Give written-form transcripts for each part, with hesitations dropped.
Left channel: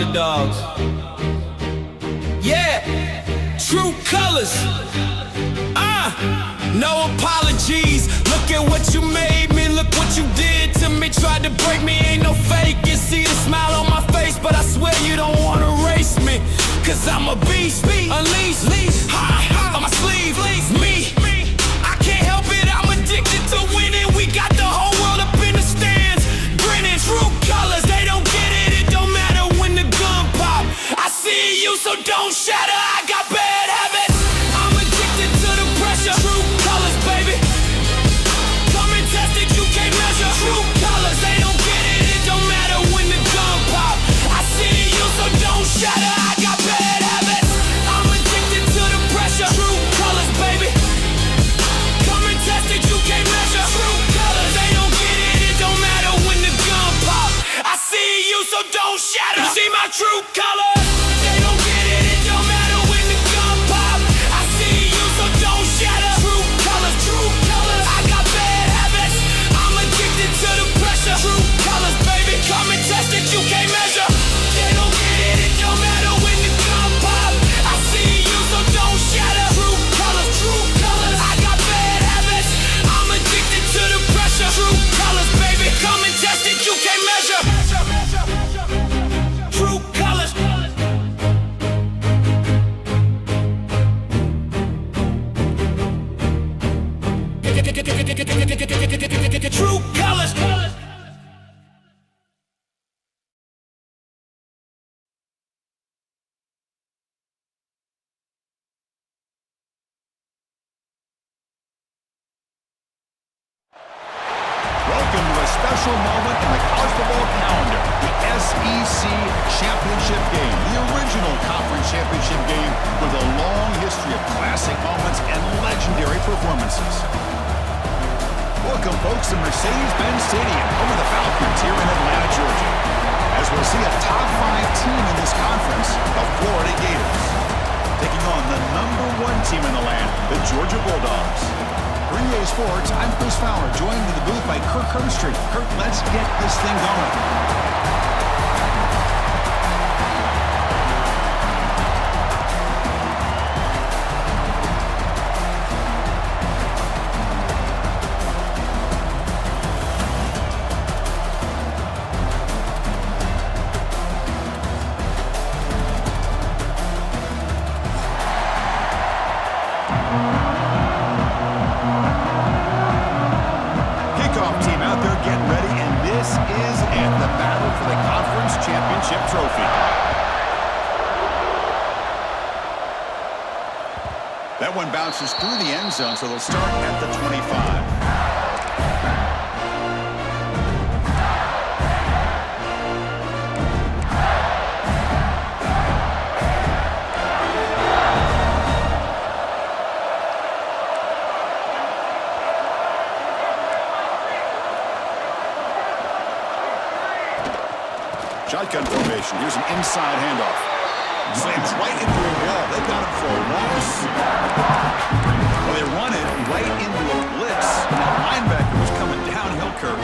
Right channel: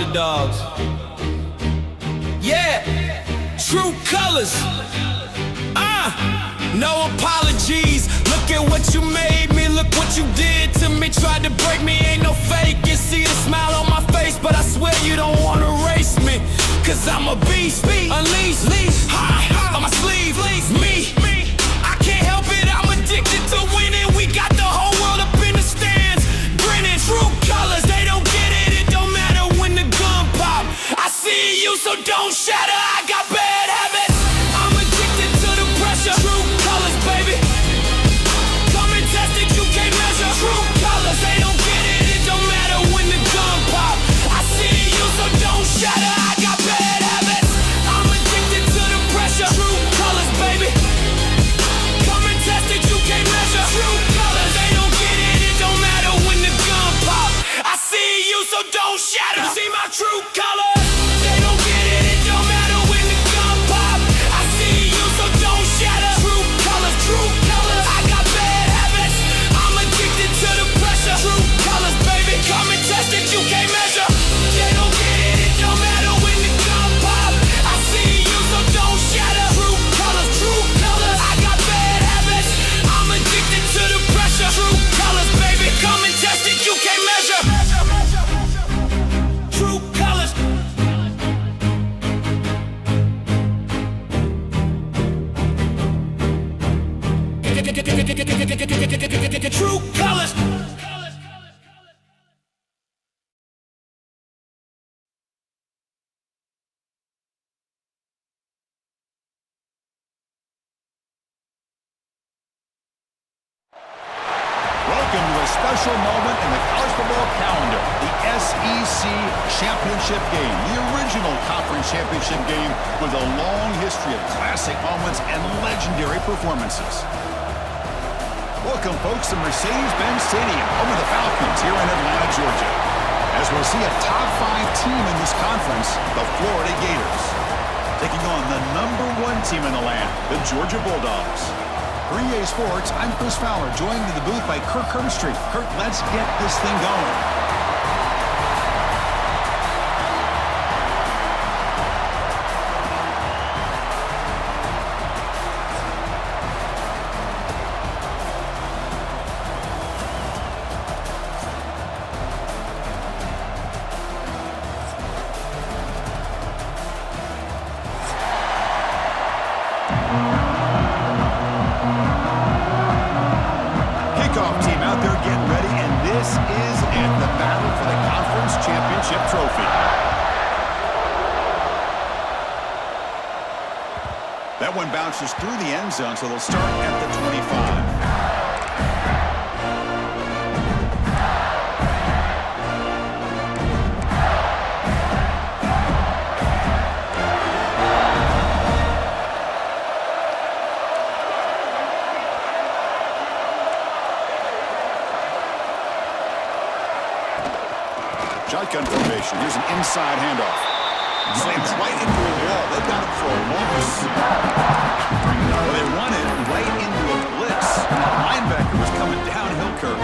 underdogs. Yeah, true colors. No apologies. Look at what you made me, look what you did to me. Tried to break me, ain't no fake. You see the smile on my face, but I swear you don't wanna race me. Cause I'm a beast, unleashed, on my sleeve, me. I can't help it, I'm addicted to winning. We got the whole world up in the stands, grinning. True colors, they don't get it, it don't matter when the gun pop. I see you, so don't shatter, I got bad habits. I'm addicted to the pressure. True colors, baby. Come and test it, you can't measure. True colors, they don't get it, it don't matter when the gun pop. I see you, so don't shatter, I got bad habits. I'm addicted to the pressure. True colors, baby. Come and test it, you can't measure. True colors, they don't get it, it don't matter when the gun pop. I see you, so don't shatter. You see my true colors? They don't get it, it don't matter when the gun pop. I see you, so don't shatter. True colors, I got bad habits. I'm addicted to the pressure. True colors, baby, come and test it, you can't measure. They don't get it, it don't matter when the gun pop. I see you, so don't shatter. True colors, I got bad habits. I'm addicted to the pressure. True colors, baby, come and test it, you can't measure. True colors. True colors. Welcome to a special moment in the college football calendar, the SEC Championship Game, the original conference championship game with a long history of classic moments and legendary performances. Welcome, folks, to Mercedes-Benz Stadium, home of the Falcons here in Atlanta, Georgia, as we'll see a top 5 team in this conference, the Florida Gators, taking on the #1 team in the land, the Georgia Bulldogs. For EA Sports, I'm Chris Fowler, joined in the booth by Kirk Herbstreit. Kirk, let's get this thing going. Team out there getting ready, and this is it, the battle for the conference championship trophy. That one bounces through the end zone, so they'll start at the 25. Shotgun formation. Here's an inside handoff. Slams right into a wall. They've got him for a loss. Well, they run it right into a blitz. And that linebacker was coming downhill, Kirk.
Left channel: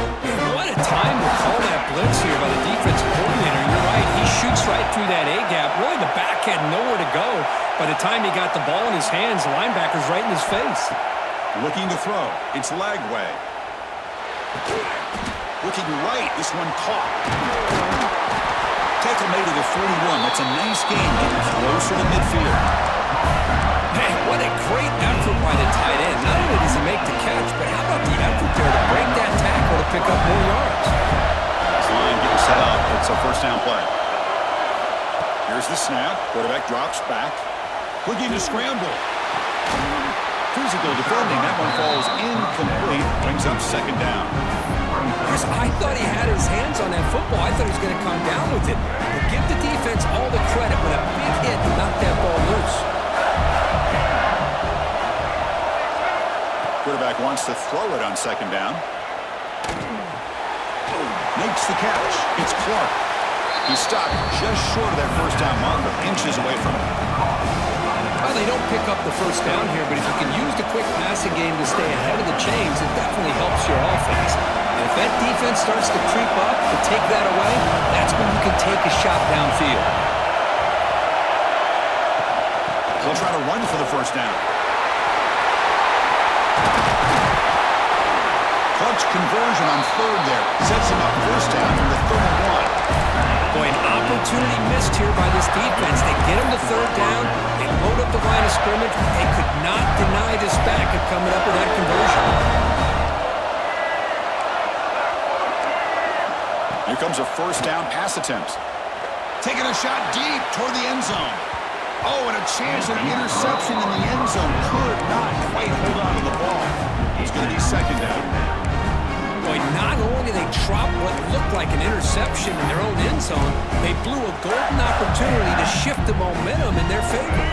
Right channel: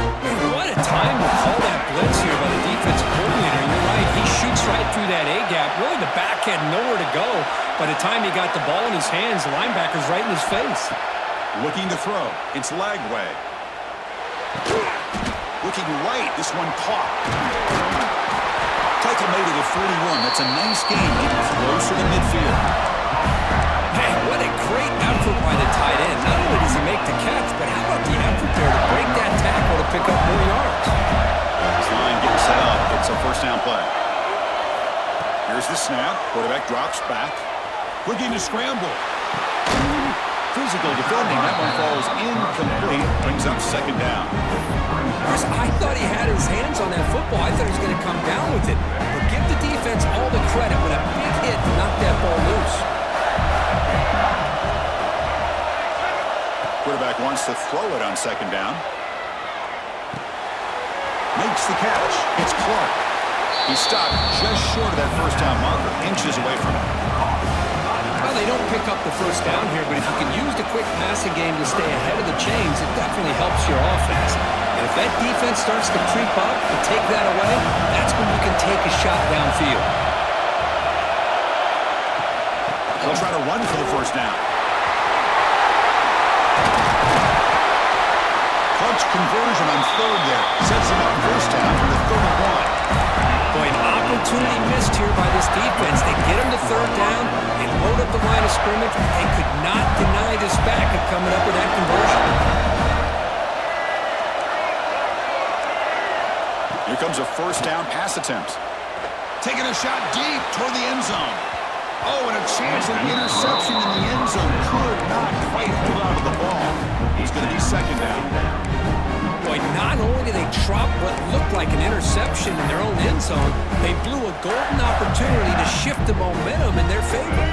What a time to call that blitz here by the defensive coordinator. You're right. He shoots right through that A-gap. Really, the back had nowhere to go. By the time he got the ball in his hands, the linebacker's right in his face. Looking to throw. It's Lagway. Looking right. This one caught. Tackle made to the 41. That's a nice game, getting closer to midfield. Man, what a great effort by the tight end. Not only does he make the catch, but how about the effort there to break that tackle to pick up more yards? This line getting set up. It's a first down play. Here's the snap. Quarterback drops back. Looking to scramble. Physical defending. That one falls incomplete. Brings up second down. Chris, I thought he had his hands on that football. I thought he was going to come down with it. But give the defense all the credit with a big hit to knock that ball loose. Quarterback wants to throw it on second down. Makes the catch. It's Clark. He stopped just short of that first down marker, inches away from it. Well, they don't pick up the first down here, but if you can use the quick passing game to stay ahead of the chains, it definitely helps your offense. And if that defense starts to creep up to take that away, that's when you can take a shot downfield. They'll try to run for the first down. Clutch conversion on third there. Sets him up first down from the 31. Boy, an opportunity missed here by this defense. They get him to third down. They load up the line of scrimmage. They could not deny this back of coming up with that conversion. Here comes a first down pass attempt. Taking a shot deep toward the end zone. Oh, and a chance of interception in the end zone. Could not quite hold on to the ball. It's going to be second down. Boy, not only did they drop what looked like an interception in their own end zone, they blew a golden opportunity to shift the momentum in their favor.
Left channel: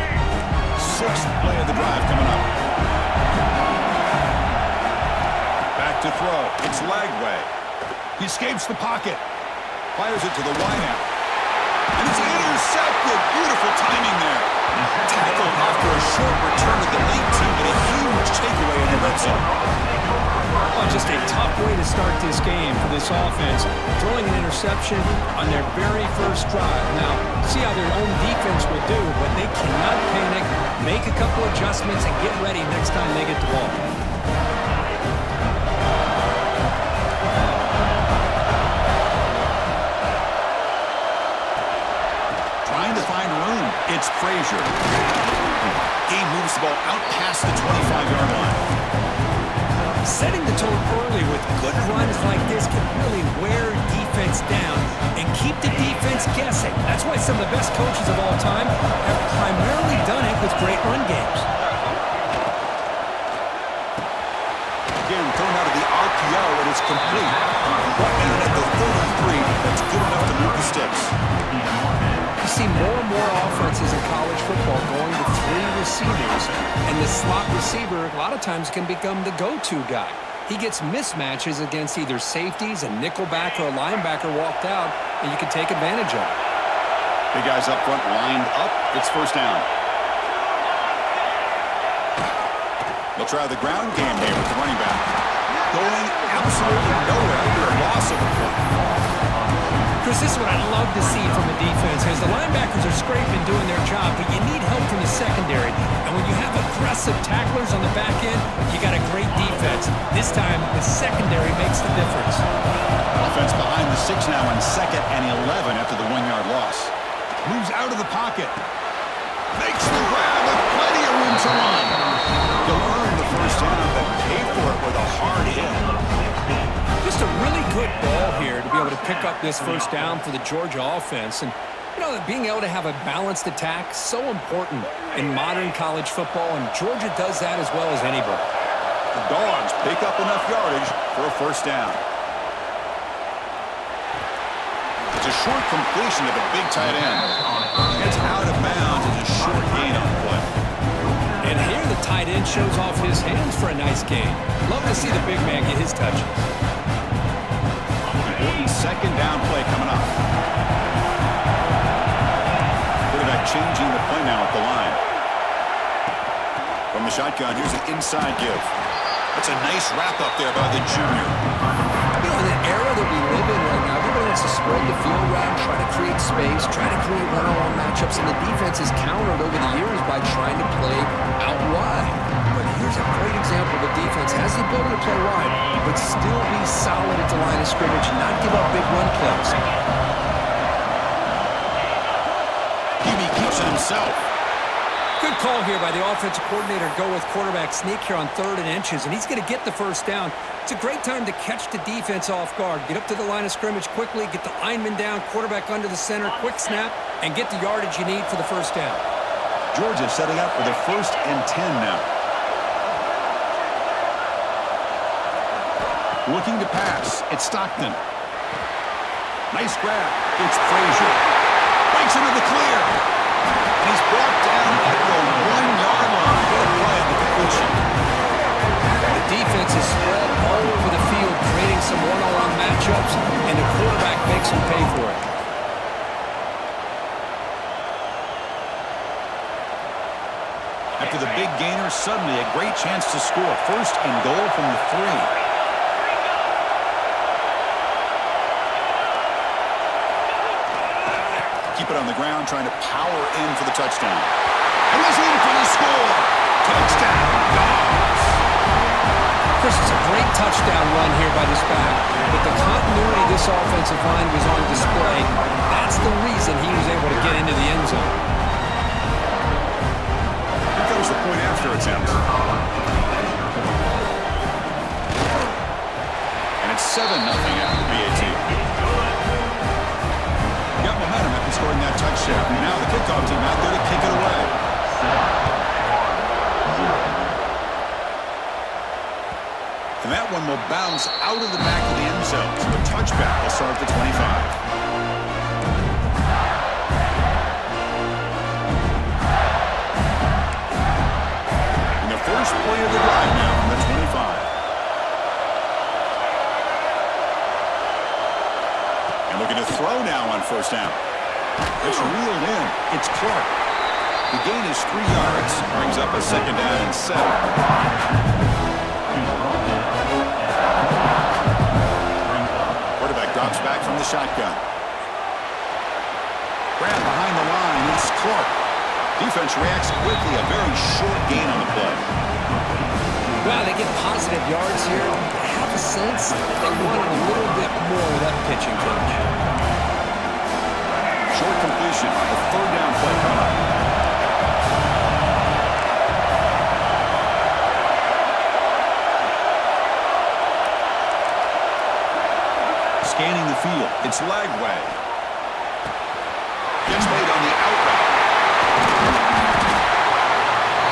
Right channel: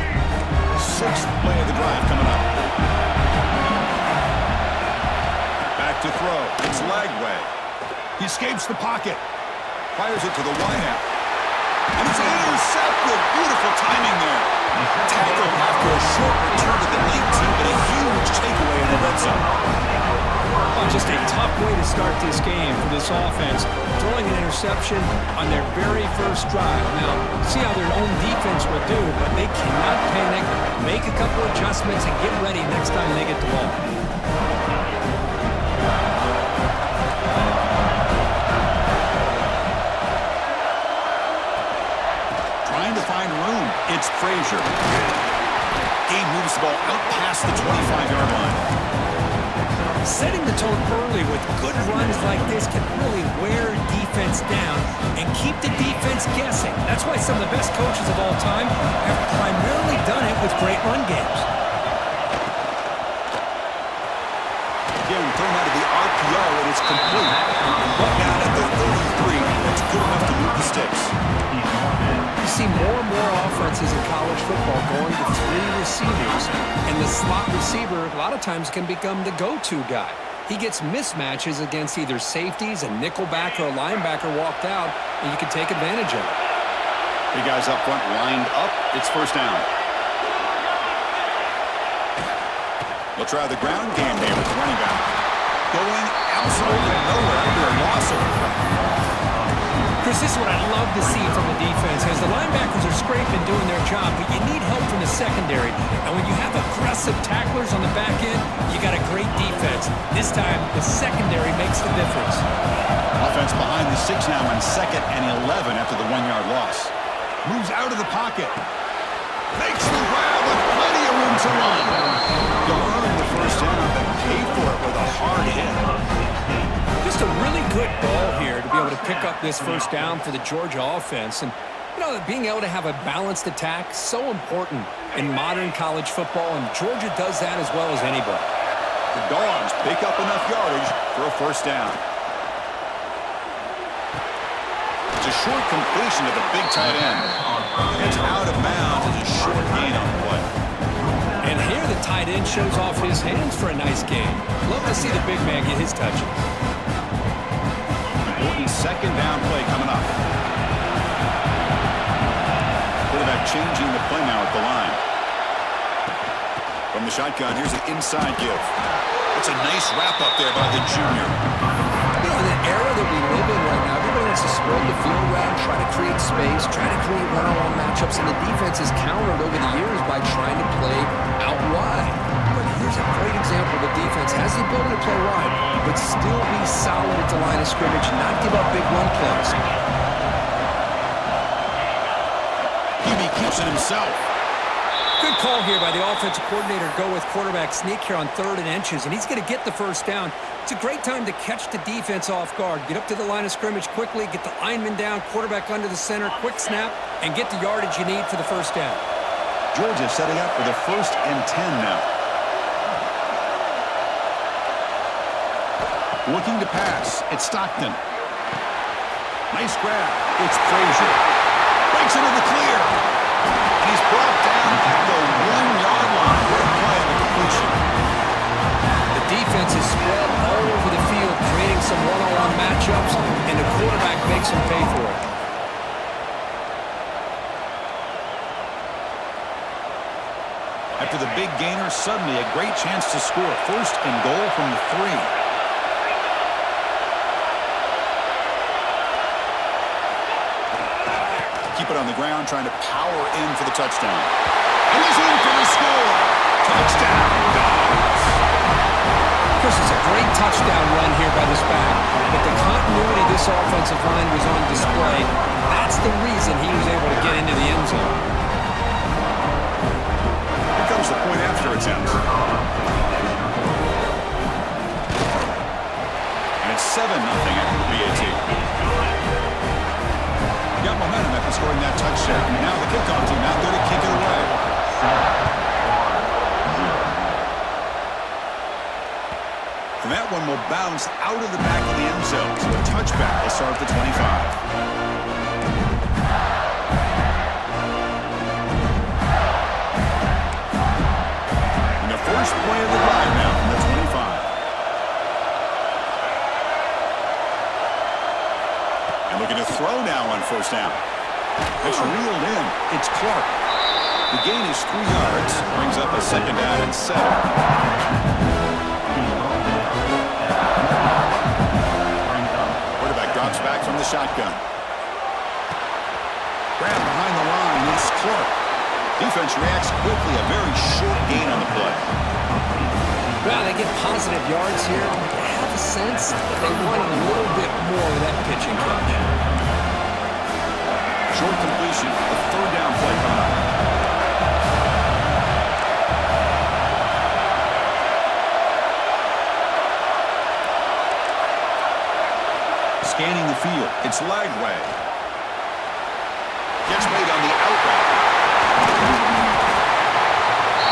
Sixth play of the drive coming up. Back to throw. It's Lagway. He escapes the pocket. Fires it to the wideout. And it's intercepted. Beautiful timing there. Tackled after a short return to the 19, but a huge takeaway in the red zone. Well, just a tough way to start this game for this offense, throwing an interception on their very first drive. Now, see how their own defense would do, but they cannot panic, make a couple adjustments, and get ready next time they get the ball. Trying to find room. It's Frazier. He moves the ball out past the 25-yard line. Setting the tone early with good runs like this can really wear defense down and keep the defense guessing. That's why some of the best coaches of all time have primarily done it with great run games. Again, thrown out of the RPO, and it's complete. Brought down at the 33. That's good enough to move the sticks. You see more and more offenses in college football going to three receivers, and the slot receiver a lot of times can become the go-to guy. He gets mismatches against either safeties, a nickelback, or a linebacker walked out, and you can take advantage of it. Big guys up front lined up. It's first down. They'll try the ground game there with the running back. Going absolutely nowhere under a loss of a play. Chris, this is what I love to see from a defense, as the linebackers are scraping, doing their job, but you need help from the secondary. And when you have aggressive tacklers on the back end, you got a great defense. This time, the secondary makes the difference. Offense behind the 6 now on 2nd and 11 after the 1-yard loss. Moves out of the pocket. Makes the grab with plenty of room to run. You'll earn the first down, but pay for it with a hard hit. Just a really good ball here to be able to pick up this first down for the Georgia offense. And, you know, being able to have a balanced attack, so important in modern college football, and Georgia does that as well as anybody. The Dogs pick up enough yardage for a first down. It's a short completion to the big tight end. It's out of bounds as a short gain on play. And here the tight end shows off his hands for a nice gain. Love to see the big man get his touches. Important second down play coming up. Quarterback changing the play now at the line. From the shotgun, here's an inside give. That's a nice wrap up there by the junior. You know, in the era that we live in right now, everybody wants to spread the field around, try to create space, try to create one-on-one matchups, and the defense is countered over the years by trying to play out wide. But here's a great example of a defense has the ability to play wide, but still be solid at the line of scrimmage, not give up big run plays. Hubie keeps it himself. Good call here by the offensive coordinator. Go with quarterback sneak here on 3rd and inches, and he's going to get the first down. It's a great time to catch the defense off guard. Get up to the line of scrimmage quickly, get the lineman down, quarterback under the center, quick snap, and get the yardage you need for the first down. Georgia setting up for the 1st and 10 now. Looking to pass. It's Stockton. Nice grab. It's Frazier. Breaks into the clear. And he's brought down at the 1-yard line. What a play on the completion. The defense is spread all over the field, creating some one-on-one matchups, and the quarterback makes them pay for it. After the big gainer, suddenly a great chance to score. 1st and goal from the 3. Keep it on the ground, trying to power in for the touchdown. And he's in for the score. Touchdown, Dogs. Chris, it's a great touchdown run here by this back, but the continuity of this offensive line was on display. That's the reason he was able to get into the end zone. Here comes the point after attempt. And it's 7-0 after the PAT. Got momentum after scoring that touchdown. Now the kickoff team out there to kick it away. And that one will bounce out of the back of the end zone. So a touchback will start at the 25. And the first play of the drive now from the 25. And looking to throw now on first down. It's reeled in. It's Clark. The gain is 3 yards. Brings up a second down and 7. Quarterback drops back from the shotgun. Grab behind the line. It's Clark. Defense reacts quickly. A very short gain on the play. Well, they get positive yards here. I have a sense that they wanted a little bit more of that pitch and catch. Short completion. A third down play coming up. Scanning the field. It's Lagway. Gets made on the out route.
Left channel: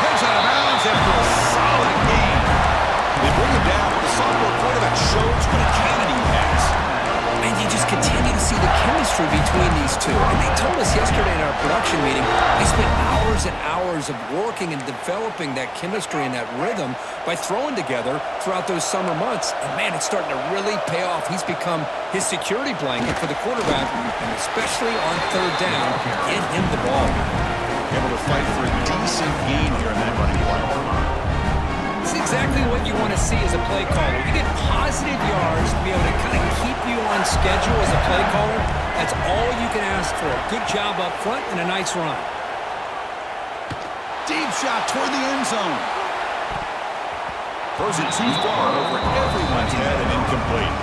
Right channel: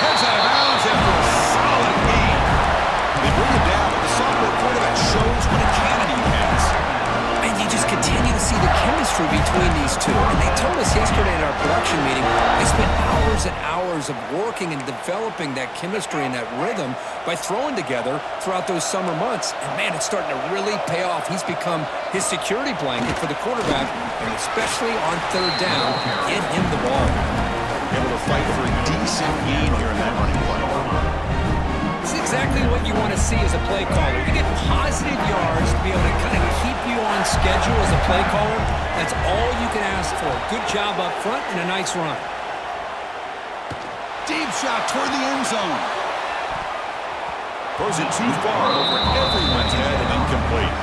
Heads out of bounds after a solid gain. They bring him down, but the sophomore quarterback shows what a cannon he has. And you just continue to see the chemistry between these two. And they told us yesterday in our production meeting, they spent hours and hours of working and developing that chemistry and that rhythm by throwing together throughout those summer months. And, man, it's starting to really pay off. He's become his security blanket for the quarterback, and especially on third down, get him the ball. Able to fight for a decent gain here in that running play. This is exactly what you want to see as a play caller. You get positive yards to be able to kind of keep you on schedule as a play caller. That's all you can ask for. Good job up front and a nice run. Deep shot toward the end zone. Throws it too far over everyone's head and incomplete.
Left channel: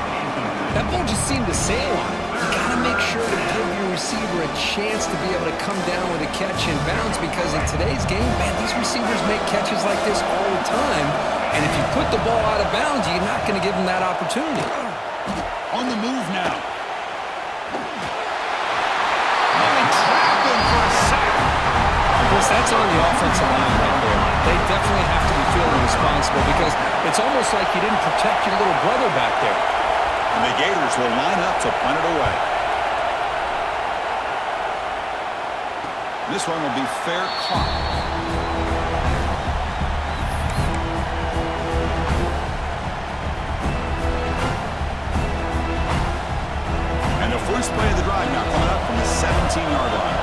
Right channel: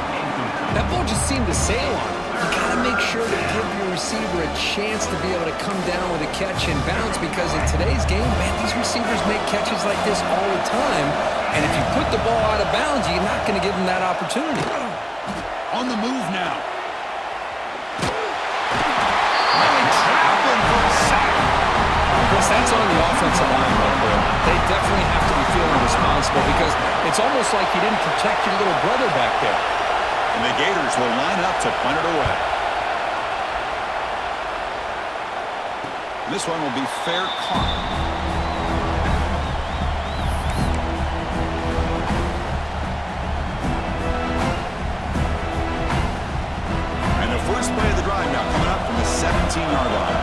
That ball just seemed to sail on it. You got to make sure to give your receiver a chance to be able to come down with a catch and bounce, because in today's game, man, these receivers make catches like this all the time. And if you put the ball out of bounds, you're not going to give them that opportunity. On the move now. And they trap him for a sack. Chris, that's on the offensive line right there. They definitely have to be feeling responsible, because it's almost like you didn't protect your little brother back there. And the Gators will line up to punt it away. This one will be fair caught. And the first play of the drive now coming up from the 17-yard line.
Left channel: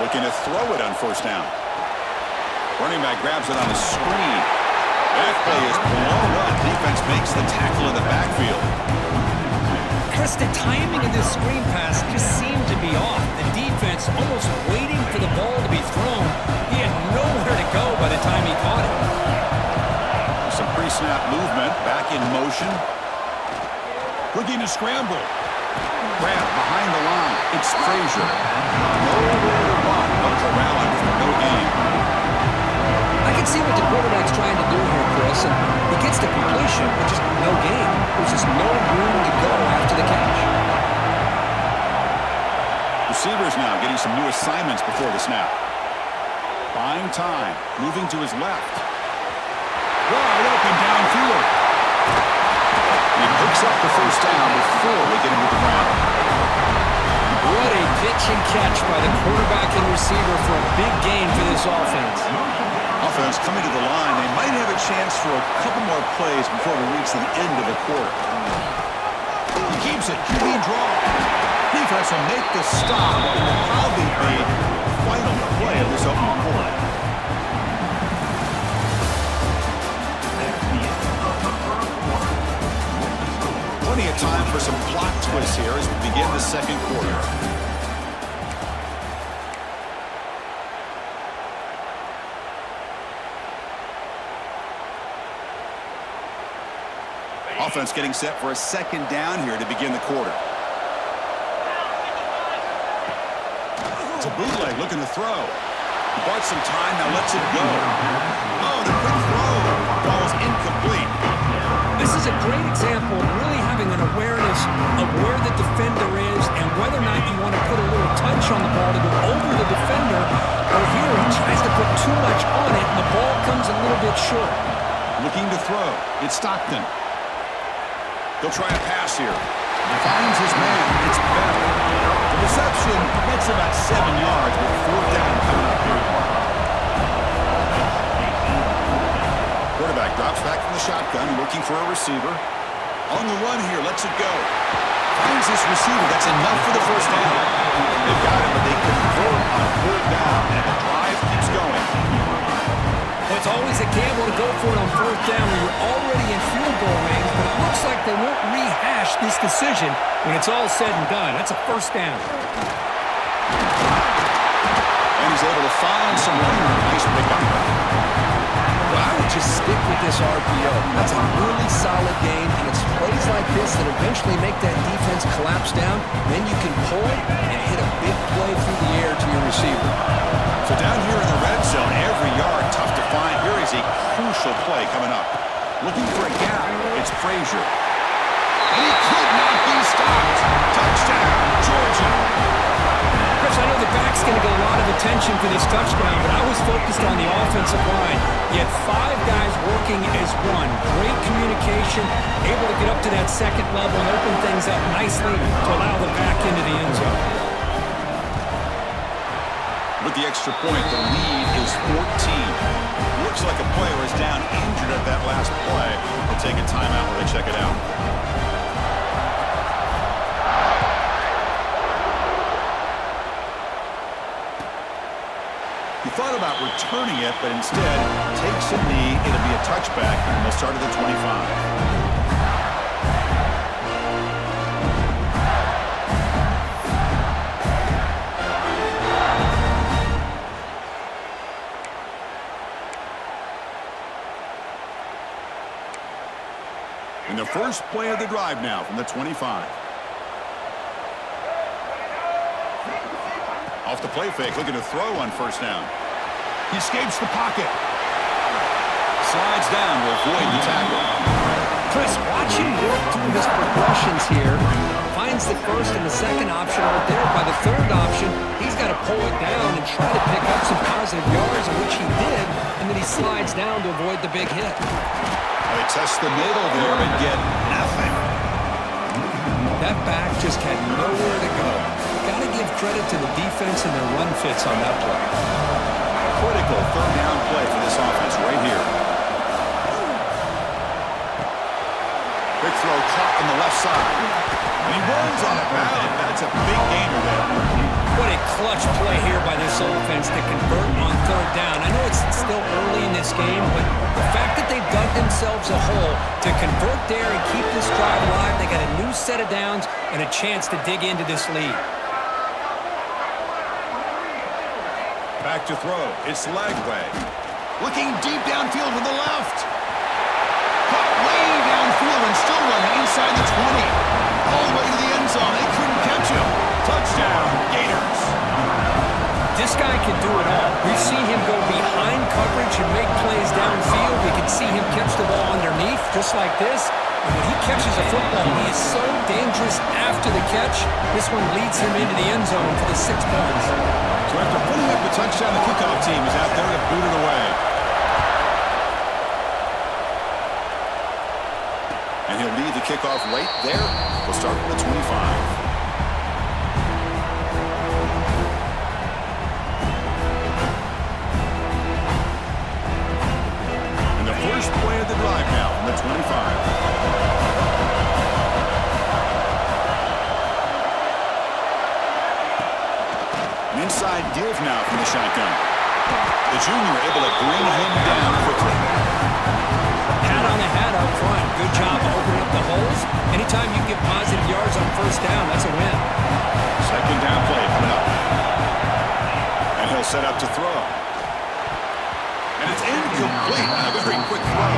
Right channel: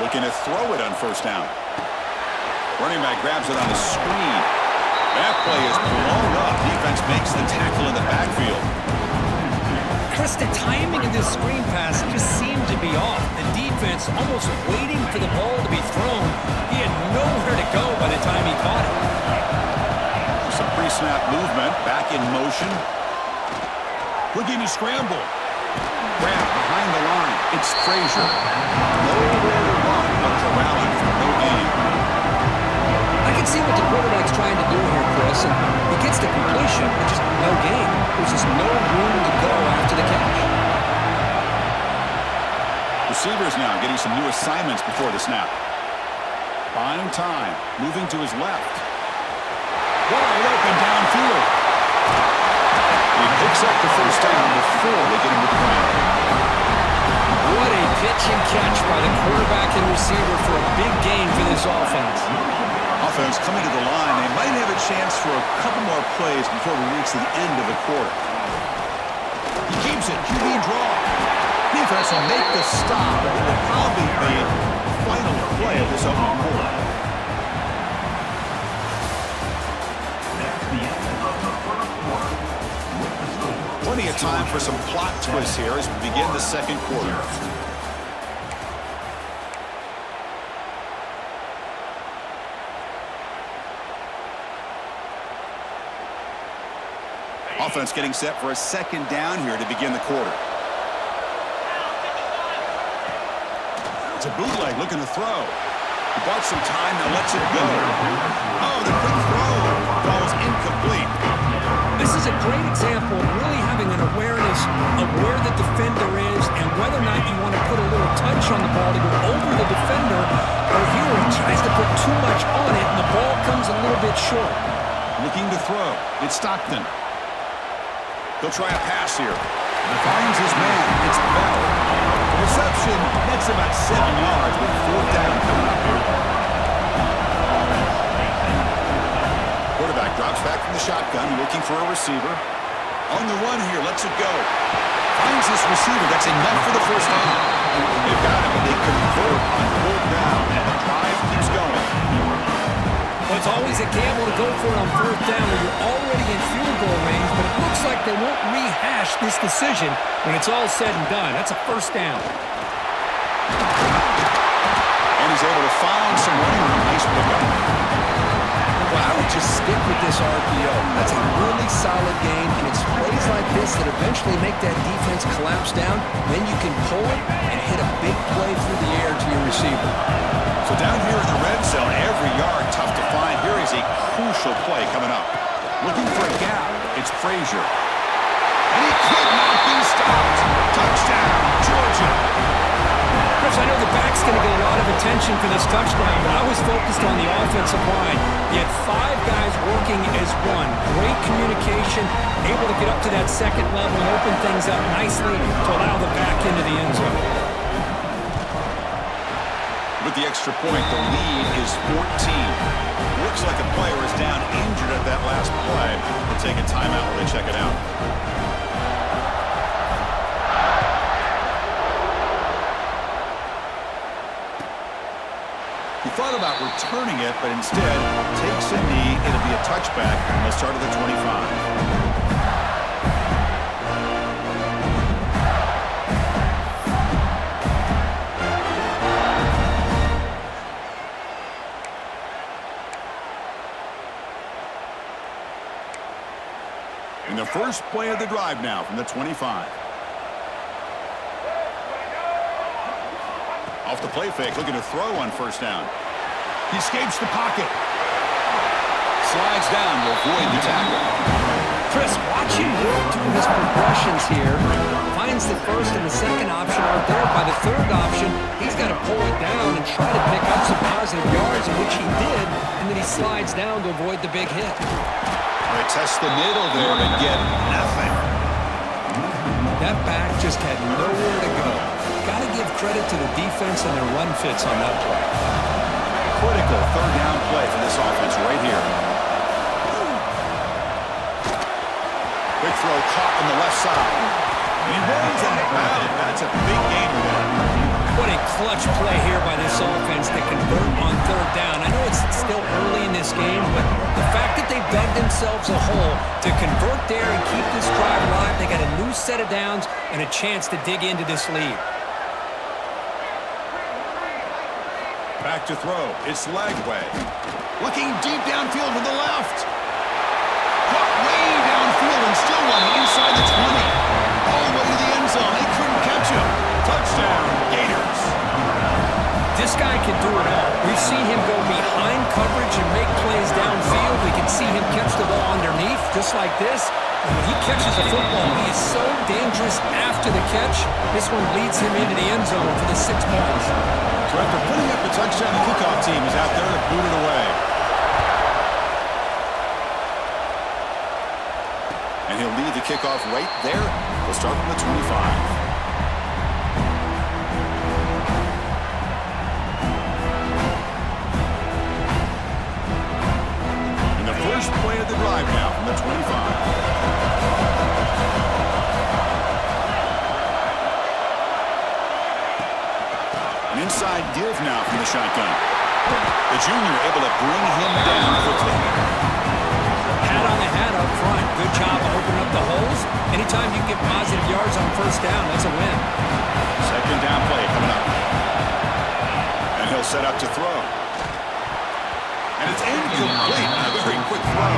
Looking to throw it on first down. Running back grabs it on a screen. That play is blown up. Defense makes the tackle in the backfield. Chris, the timing of this screen pass just seemed to be off. The defense almost waiting for the ball to be thrown. He had nowhere to go by the time he caught it. Some pre-snap movement. Back in motion. Looking to scramble. Grab behind the line. It's Frazier. Nowhere to run. No corralling for no gain. I can see what the quarterback's trying to do here, Chris, and he gets the completion, but just no gain. There's just no room to go after the catch. Receivers now getting some new assignments before the snap. Buying time, moving to his left. Wide open downfield. He picks up the first down before they get him to the ground. What a pitch and catch by the quarterback and receiver for a big gain for this offense. Offense coming to the line. They might have a chance for a couple more plays before we reach the end of the quarter. He keeps it. QB draw. Defense will make the stop. It will probably be the final play of this opening quarter. Plenty of time for some plot twists here as we begin the second quarter. Offense getting set for a second down here to begin the quarter. It's a bootleg looking to throw. He bought some time, now lets it go. Oh, the quick throw falls incomplete. This is a great example of really having an awareness of where the defender is and whether or not you want to put a little touch on the ball to go over the defender, or here he tries to put too much on it and the ball comes a little bit short. Looking to throw. It's Stockton. He'll try a pass here. Finds his man. It's Bell. The reception gets about 7 yards, but fourth down coming up here. Quarterback drops back from the shotgun, looking for a receiver. On the run here, lets it go. Finds this receiver. That's enough for the first down. They've got him, but they convert on fourth down, and the drive keeps going. Well, it's always a gamble to go for it on fourth down when you're already in field goal range, but it looks like they won't rehash this decision when it's all said and done. That's a first down. And he's able to find some running room. Nice pickup. Well, I would just stick with this RPO. That's a really solid game, and it's plays like this that eventually make that defense collapse down. Then you can pull it and hit a big play through the air to your receiver. So down here in the red zone, every yard tough to find. Here is a crucial play coming up. Looking for a gap. It's Frazier. And he could not be stopped. Touchdown, Georgia. Chris, I know the back's going to get a lot of attention for this touchdown, but I was focused on the offensive line. You had 5 guys working as one. Great communication, able to get up to that second level and open things up nicely to allow the back into the end zone. With the extra point, the lead is 14. Looks like a player is down injured at that last play. We'll take a timeout while they check it out. He thought about returning it, but instead takes a knee. It'll be a touchback, and they'll start at the 25. And the first play of the drive now from the 25. Off the play fake, looking to throw on first down. He escapes the pocket. Slides down to avoid the tackle. Chris, watch him work through his progressions here. Finds the first and the second option aren't there. By the third option, he's got to pull it down and try to pick up some positive yards, in which he did, and then he slides down to avoid the big hit. They test the middle there and get nothing. That back just had nowhere to go. Got to give credit to the defense and their run fits on that play. Critical third down play for this offense right here. Big throw caught on the left side. And he runs out of bounds. That's a big gainer there. What a clutch play here by this offense to convert on third down. I know it's still early in this game, but the fact that they've dug themselves a hole to convert there and keep this drive alive, they got a new set of downs and a chance to dig into this lead. Back to throw. It's Lagway. Looking deep downfield to the left. Caught way downfield and still running inside the 20. All the way to the end zone. They couldn't catch him. Touchdown, Gators. This guy can do it all. We've seen him go behind coverage and make plays downfield. We can see him catch the ball underneath, just like this. And when he catches a football, he is so dangerous after the catch. This one leads him into the end zone for the 6 points. So after putting up the touchdown, the kickoff team is out there to boot it away. And he'll lead the kickoff right there. We'll start from the 25. And the first play of the drive now from the 25. An inside give now from the shotgun. The junior able to bring him down quickly. Hat on a hat up front. Good job of opening up the holes. Anytime you can get positive yards on first down, that's a win. Second down play coming up. And he'll set up to throw. And it's incomplete on a very quick throw.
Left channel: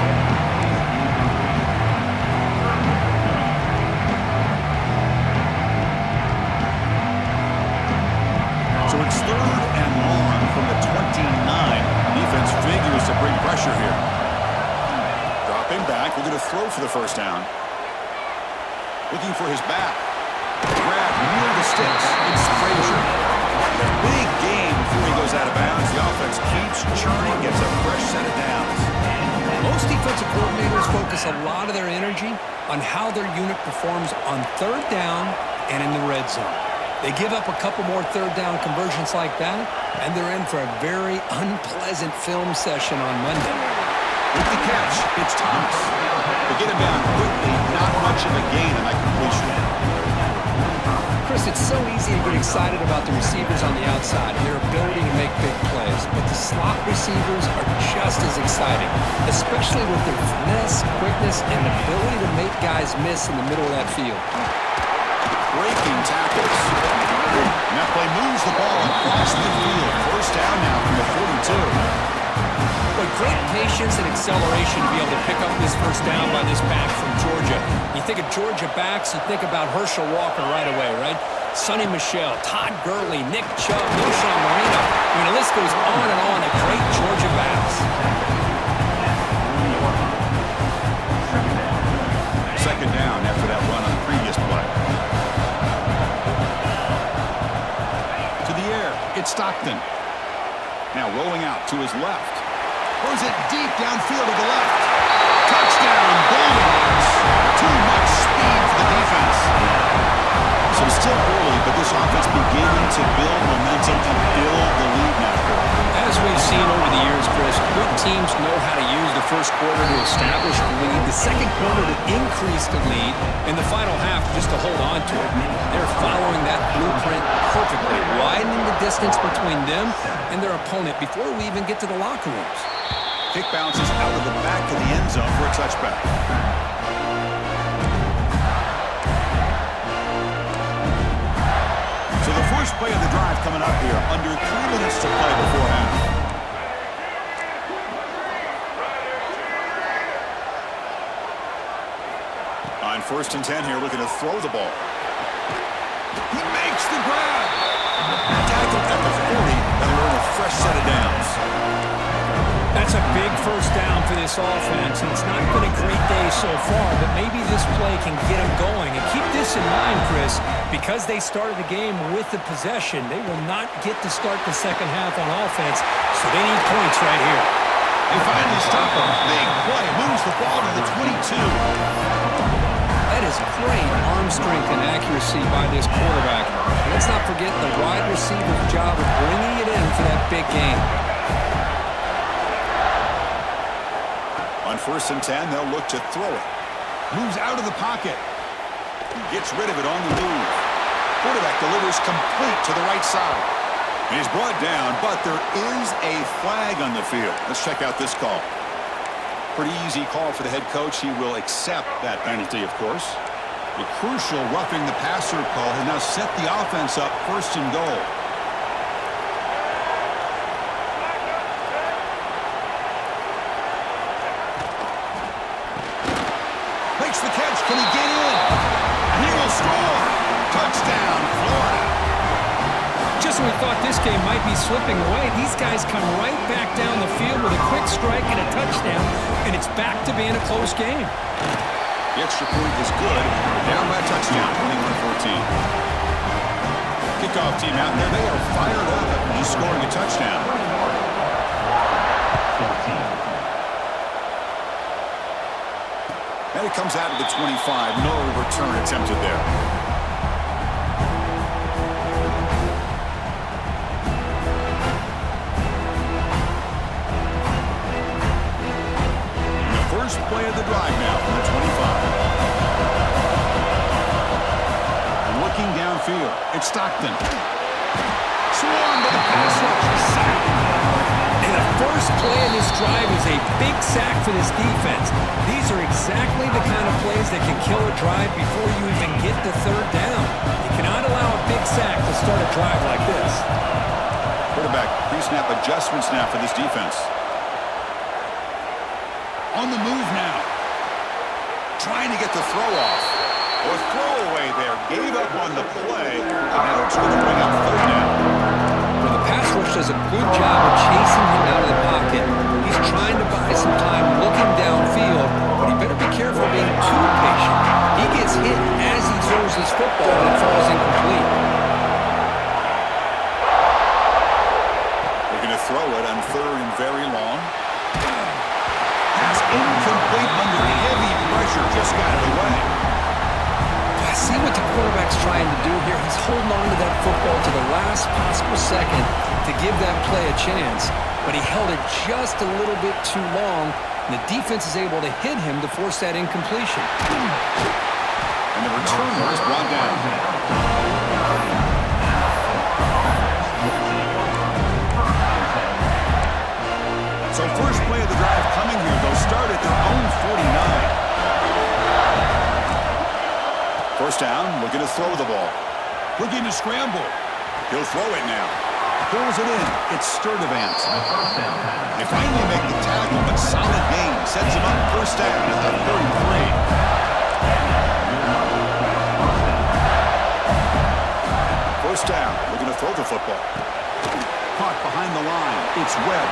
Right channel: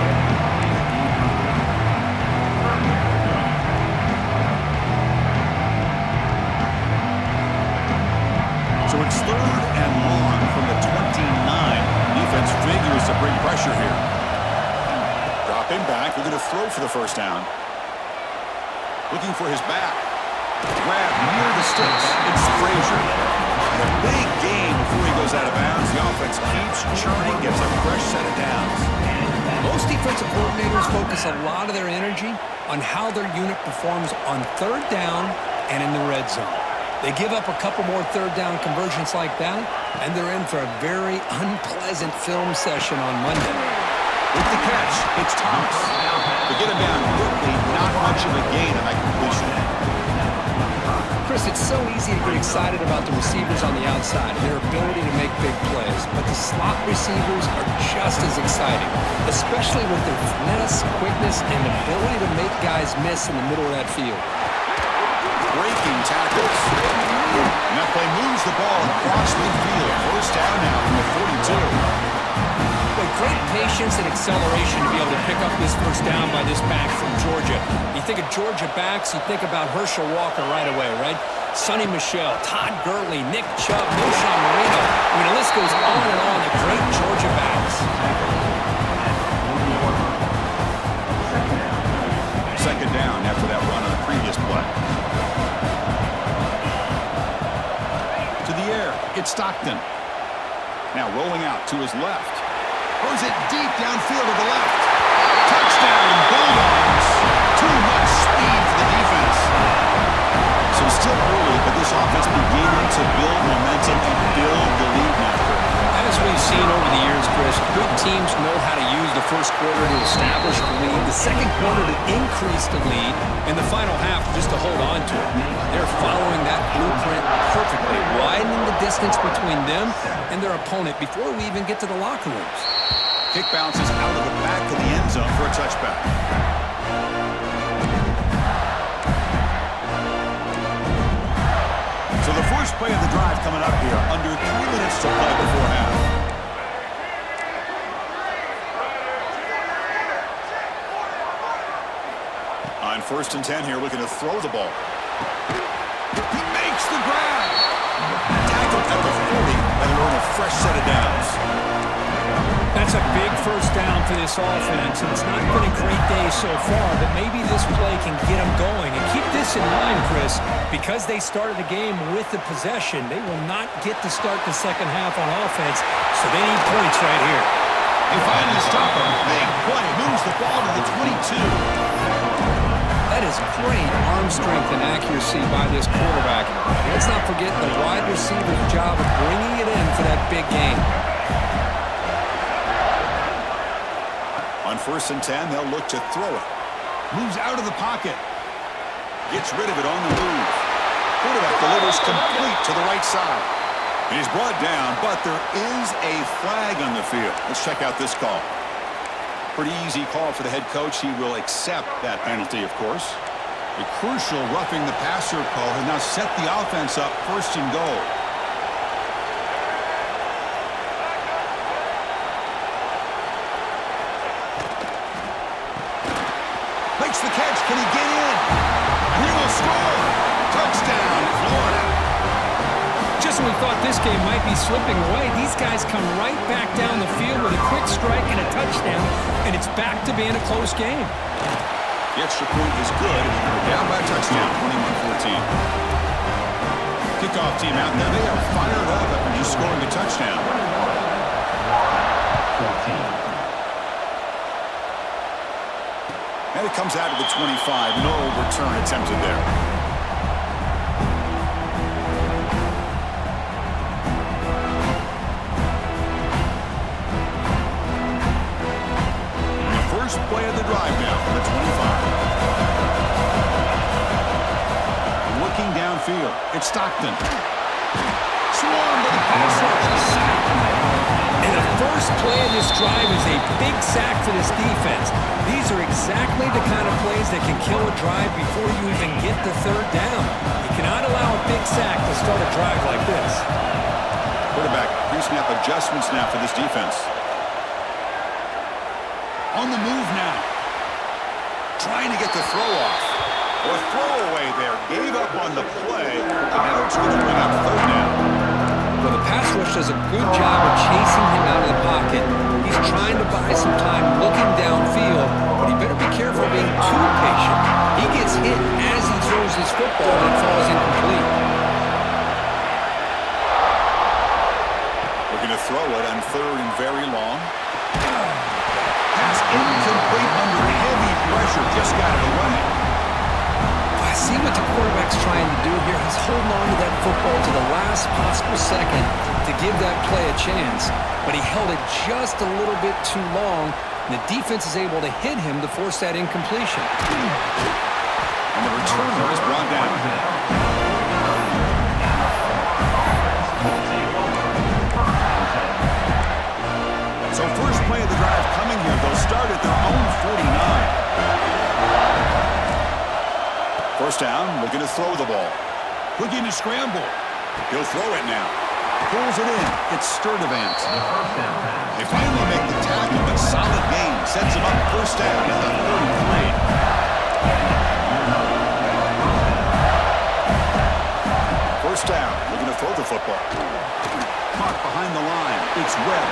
So it's 3rd and long from the 29. Defense figures to bring pressure here. Dropping back, looking to throw for the first down. Looking for his back. Grab near the sticks. It's Frazier. And a big gain before he goes out of bounds. The offense keeps churning, gets a fresh set of downs. Most defensive coordinators focus a lot of their energy on how their unit performs on 3rd down and in the red zone. They give up a couple more 3rd down conversions like that, and they're in for a very unpleasant film session on Monday. With the catch, it's Thomas. They get him down quickly, not much of a gain on that completion. Chris, it's so easy to get excited about the receivers on the outside and their ability to make big plays, but the slot receivers are just as exciting, especially with their finesse, quickness, and ability to make guys miss in the middle of that field. Breaking tackles. And that play moves the ball across midfield. First down now from the 42. Boy, great patience and acceleration to be able to pick up this first down by this back from Georgia. You think of Georgia backs, you think about Herschel Walker right away, right? Sonny Michel, Todd Gurley, Nick Chubb, Knowshon Moreno. I mean, the list goes on and on of great Georgia backs. Second down after that run on the previous play. To the air, it's Stockton. Now rolling out to his left. Throws it deep downfield to the left. Touchdown, Bulldogs. Too much speed for the defense. So still early, but this offense beginning to build momentum and build the lead now. As we've seen over the years, Chris, good teams know how to use the first quarter to establish the lead, the second quarter to increase the lead, and the final half just to hold on to it. They're following that blueprint perfectly, widening the distance between them and their opponent before we even get to the locker rooms. Kick bounces out of the back of the end zone for a touchback. So the first play of the drive coming up here, under 3 minutes to play before half. On 1st and 10 here, looking to throw the ball. He makes the grab. Tackled at the 40, and they're in a fresh set of downs. That's a big first down for this offense, and it's not been a great day so far, but maybe this play can get them going. And keep this in mind, Chris, because they started the game with the possession, they will not get to start the second half on offense, so they need points right here. They finally stop him. Big play. Moves the ball to the 22. That is great arm strength and accuracy by this quarterback. Let's not forget the wide receiver's job of bringing it in for that big game. On 1st and 10, they'll look to throw it. Moves out of the pocket. Gets rid of it on the move. Quarterback delivers complete to the right side. And he's brought down, but there is a flag on the field. Let's check out this call. Pretty easy call for the head coach. He will accept that penalty, of course. A crucial roughing the passer call has now set the offense up 1st and goal. Makes the catch. Can he get in? And he will score. Touchdown, Florida. Just when we thought this game might be slipping away, these guys come right back down the field with a quick strike and a touchdown, and it's back to being a close game. The extra point is good. We're down by a touchdown, 21-14. Kickoff team out there. They are fired up after just scoring a touchdown. And it comes out of the 25. No return attempted there. And the first play of the drive now from the 25. Looking downfield. It's Stockton. Swarmed by the pass rush. And the first play of this drive is a big sack for this defense. These are exactly the kind of plays that can kill a drive before you even get the third down. You cannot allow a big sack to start a drive like this. Quarterback pre-snap adjustments now for this defense. On the move now. Trying to get the throw off. Or throwaway there. Gave up on the play. And now it's going to bring up third down. Well, the pass rush does a good job of chasing him out of the pocket. He's trying to buy some time looking downfield, but he better be careful being too patient. He gets hit as he throws his football and it falls incomplete. We're going to throw it on third and very long. Pass incomplete under heavy pressure. Just got it away. See what the quarterback's trying to do here. He's holding on to that football to the last possible second to give that play a chance. But he held it just a little bit too long, and the defense is able to hit him to force that incompletion. And the returner is brought down. So first play of the drive coming here. They'll start at their own 49. First down, looking to throw the ball. Looking to scramble. He'll throw it now. Pulls it in. It's Sturdivant. They finally make the tackle, but solid gain. Sets him up first down at the 33. First down, looking to throw the football. Caught behind the line. It's Webb.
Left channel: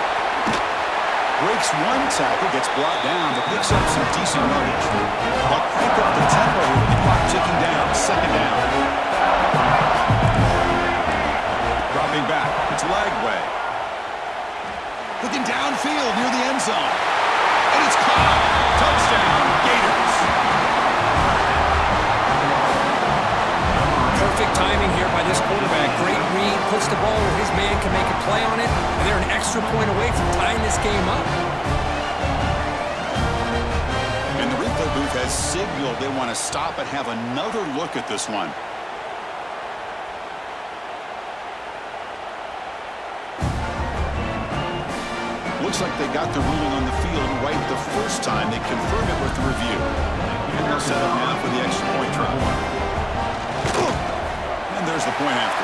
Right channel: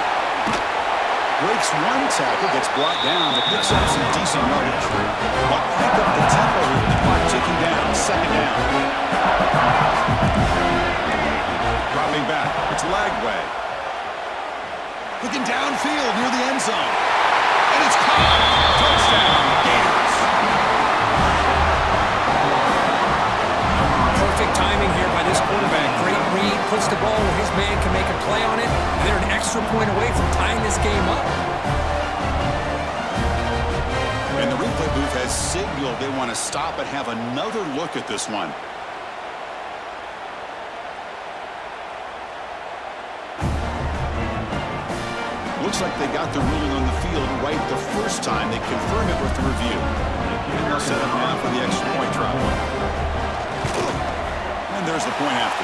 Breaks one tackle, gets brought down, but picks up some decent yardage. But crank up the tempo here with the clock ticking down. Second down. Dropping back. It's Lagway. Looking downfield near the end zone. And it's caught. Touchdown, Gators. Perfect timing here by this quarterback. Great read, puts the ball where his man can make a play on it, and they're an extra point away from tying this game up. And the replay booth has signaled they want to stop and have another look at this one. Looks like they got the ruling on the field right the first time. They confirm it with the review. And they'll set up now for the extra point drop. And there's the point after.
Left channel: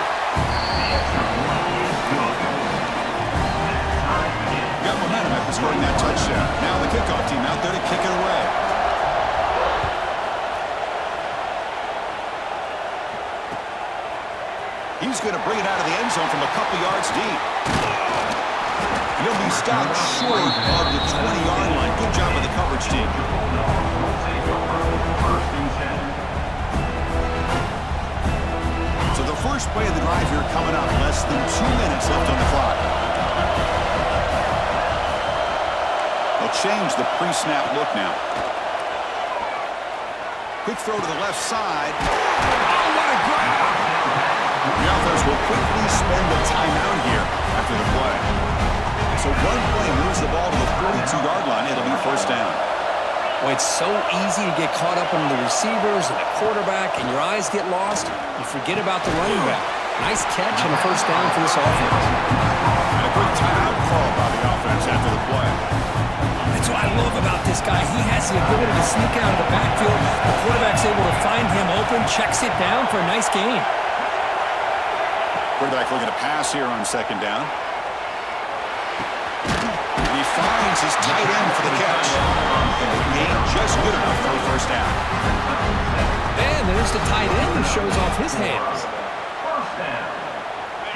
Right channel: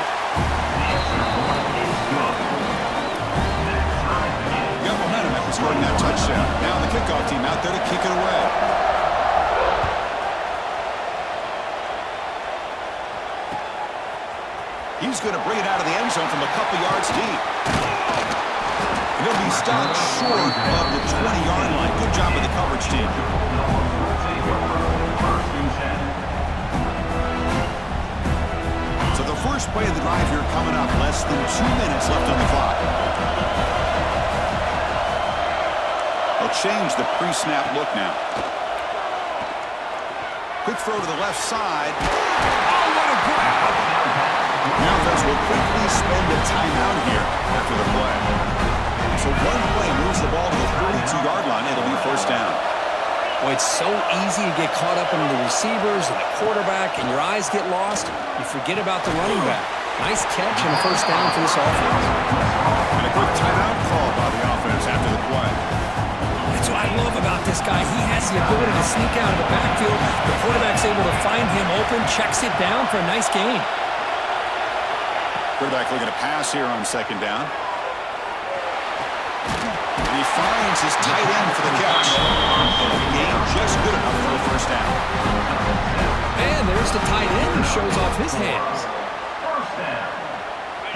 Got momentum after scoring that touchdown. Now the kickoff team out there to kick it away. He's going to bring it out of the end zone from a couple yards deep. He'll be stopped short of the 20-yard line. Good job of the coverage team. So the first play of the drive here coming up. Less than 2 minutes left on the clock. They'll change the pre-snap look now. Quick throw to the left side. Oh, what a grab! The offense will quickly spend a timeout here after the play. So one play moves the ball to the 42-yard line. It'll be first down. Well, it's so easy to get caught up in the receivers and the quarterback, and your eyes get lost. You forget about the running back. Nice catch and a first down for this offense. And a quick timeout call by the offense after the play. That's what I love about this guy. He has the ability to sneak out of the backfield. The quarterback's able to find him open, checks it down for a nice gain. Quarterback looking to pass here on second down. And he finds his tight end for the catch. And the gain just good enough for a first down. And there's the tight end who shows off his hands.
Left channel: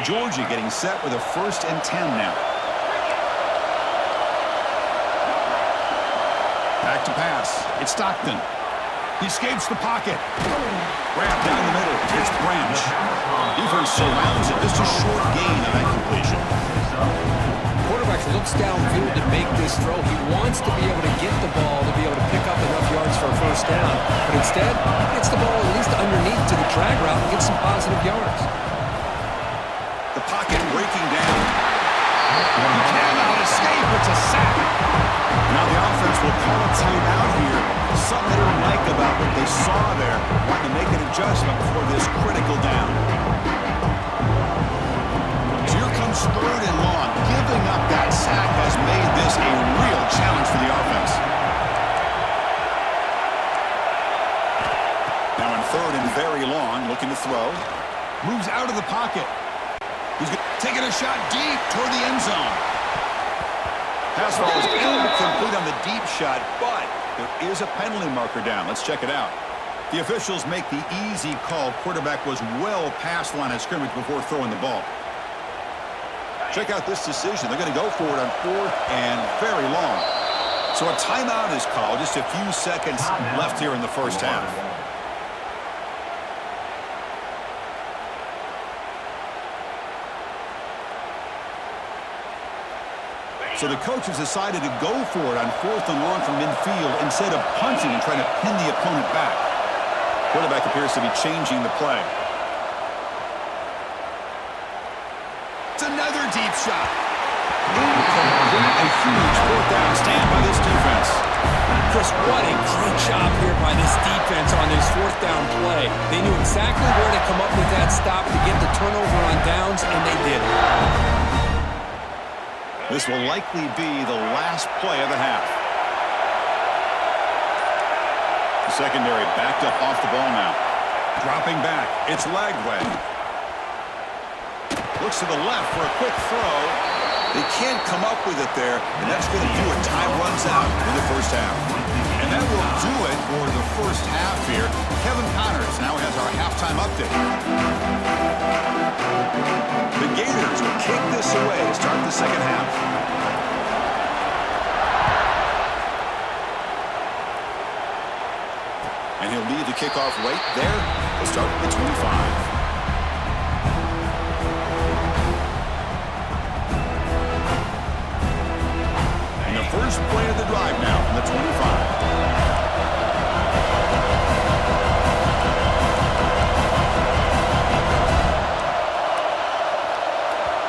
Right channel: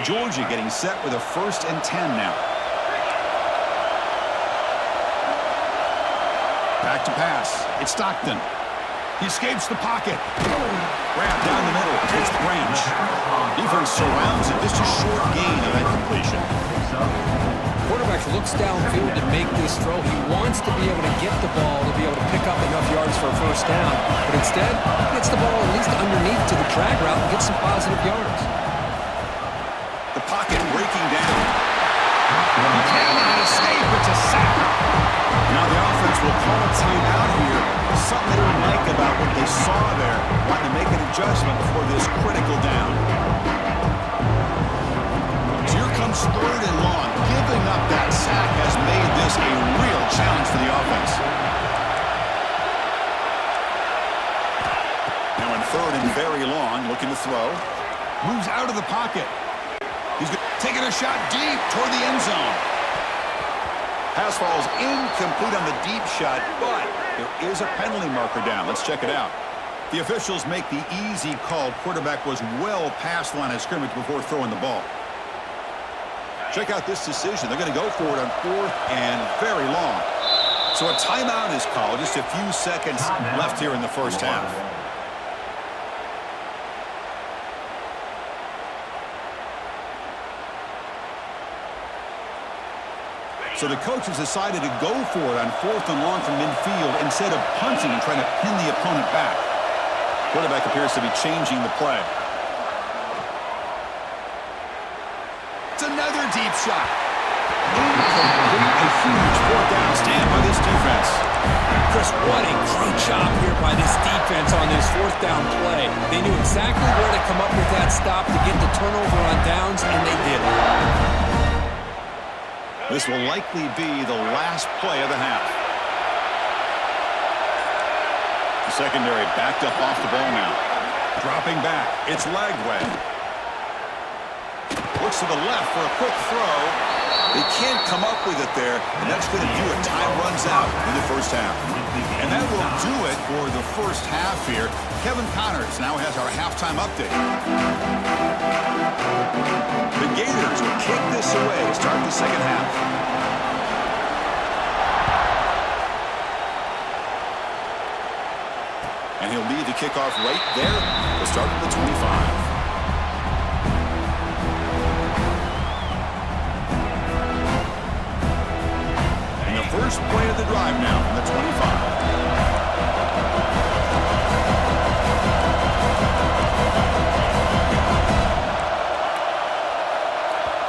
Georgia getting set with a 1st and 10 now. Back to pass. It's Stockton. He escapes the pocket. Grab down the middle. It's Branch. Defense surrounds it. Just a short gain on that completion. Quarterback looks downfield to make this throw. He wants to be able to get the ball to be able to pick up enough yards for a first down. But instead, he gets the ball at least underneath to the drag route and gets some positive yards. The pocket breaking down. He cannot escape. It's a sack. Now the offense will call a timeout here. Something they didn't like about what they saw there. Wanting to make an adjustment before this critical down. So here comes 3rd and long. Giving up that sack very long, looking to throw. Moves out of the pocket. He's taking a shot deep toward the end zone. Pass falls incomplete on the deep shot, but there is a penalty marker down. Let's check it out. The officials make the easy call. Quarterback was well past the line of scrimmage before throwing the ball. Check out this decision. They're going to go for it on 4th and very long. So a timeout is called. Just a few seconds left here in the first half. So the coaches decided to go for it on 4th and long from midfield instead of punting and trying to pin the opponent back. Quarterback appears to be changing the play. It's another deep shot. Incomplete. A huge 4th down stand by this defense. Chris, what a great job here by this defense on this 4th down play. They knew exactly where to come up with that stop to get the turnover on downs, and they did it. This will likely be the last play of the half. The secondary backed up off the ball now. Dropping back. It's Lagway. Looks to the left for a quick throw. They can't come up with it there, and that's going to do it. Time runs out in the first half. And that will do it for the first half here. Kevin Connors now has our halftime update. The Gators will kick this away to start the second half. And he'll lead the kickoff right there to start with the 25. And the first play of the drive now from the 25.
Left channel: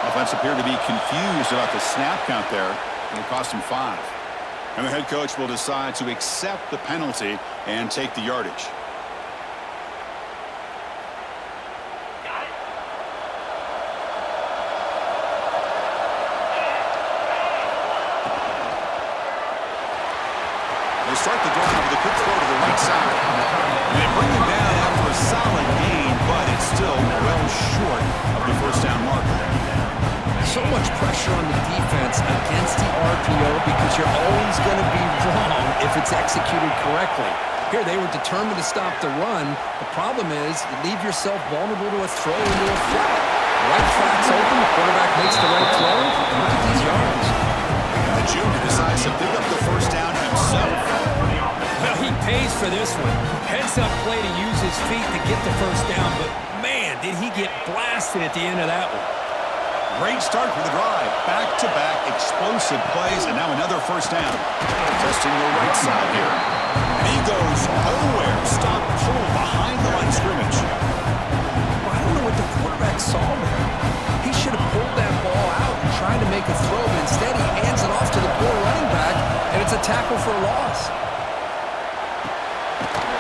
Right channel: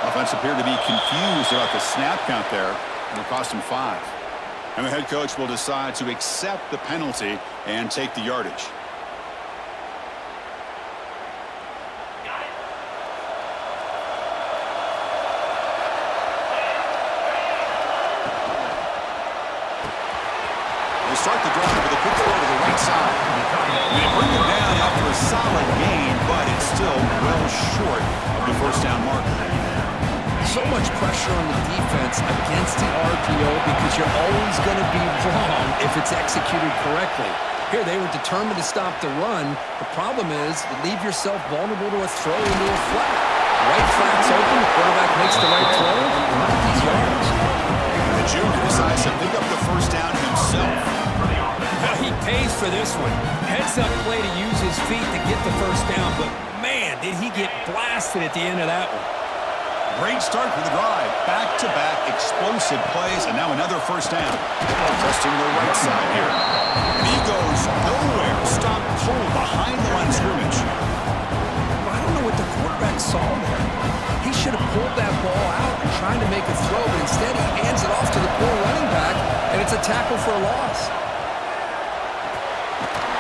Offense appeared to be confused about the snap count there. It'll cost him 5. And the head coach will decide to accept the penalty and take the yardage. They start the drive with a quick throw to the right side. And they bring him down after a solid gain, but it's still well short of the first down marker. So much pressure on the defense against the RPO because you're always going to be wrong if it's executed correctly. Here, they were determined to stop the run. The problem is you leave yourself vulnerable to a throw into a flat. Right flat's open, the quarterback makes the right throw, and look at these yards. And the junior decides to pick up the first down himself. Well, he pays for this one. Heads-up play to use his feet to get the first down, but man, did he get blasted at the end of that one. Great start for the drive. Back-to-back explosive plays, and now another first down. Testing the right side here. And he goes nowhere. Stopped cold behind the line of scrimmage. Well, I don't know what the quarterback saw there. He should have pulled that ball out and tried to make a throw, but instead he hands it off to the poor running back, and it's a tackle for a loss.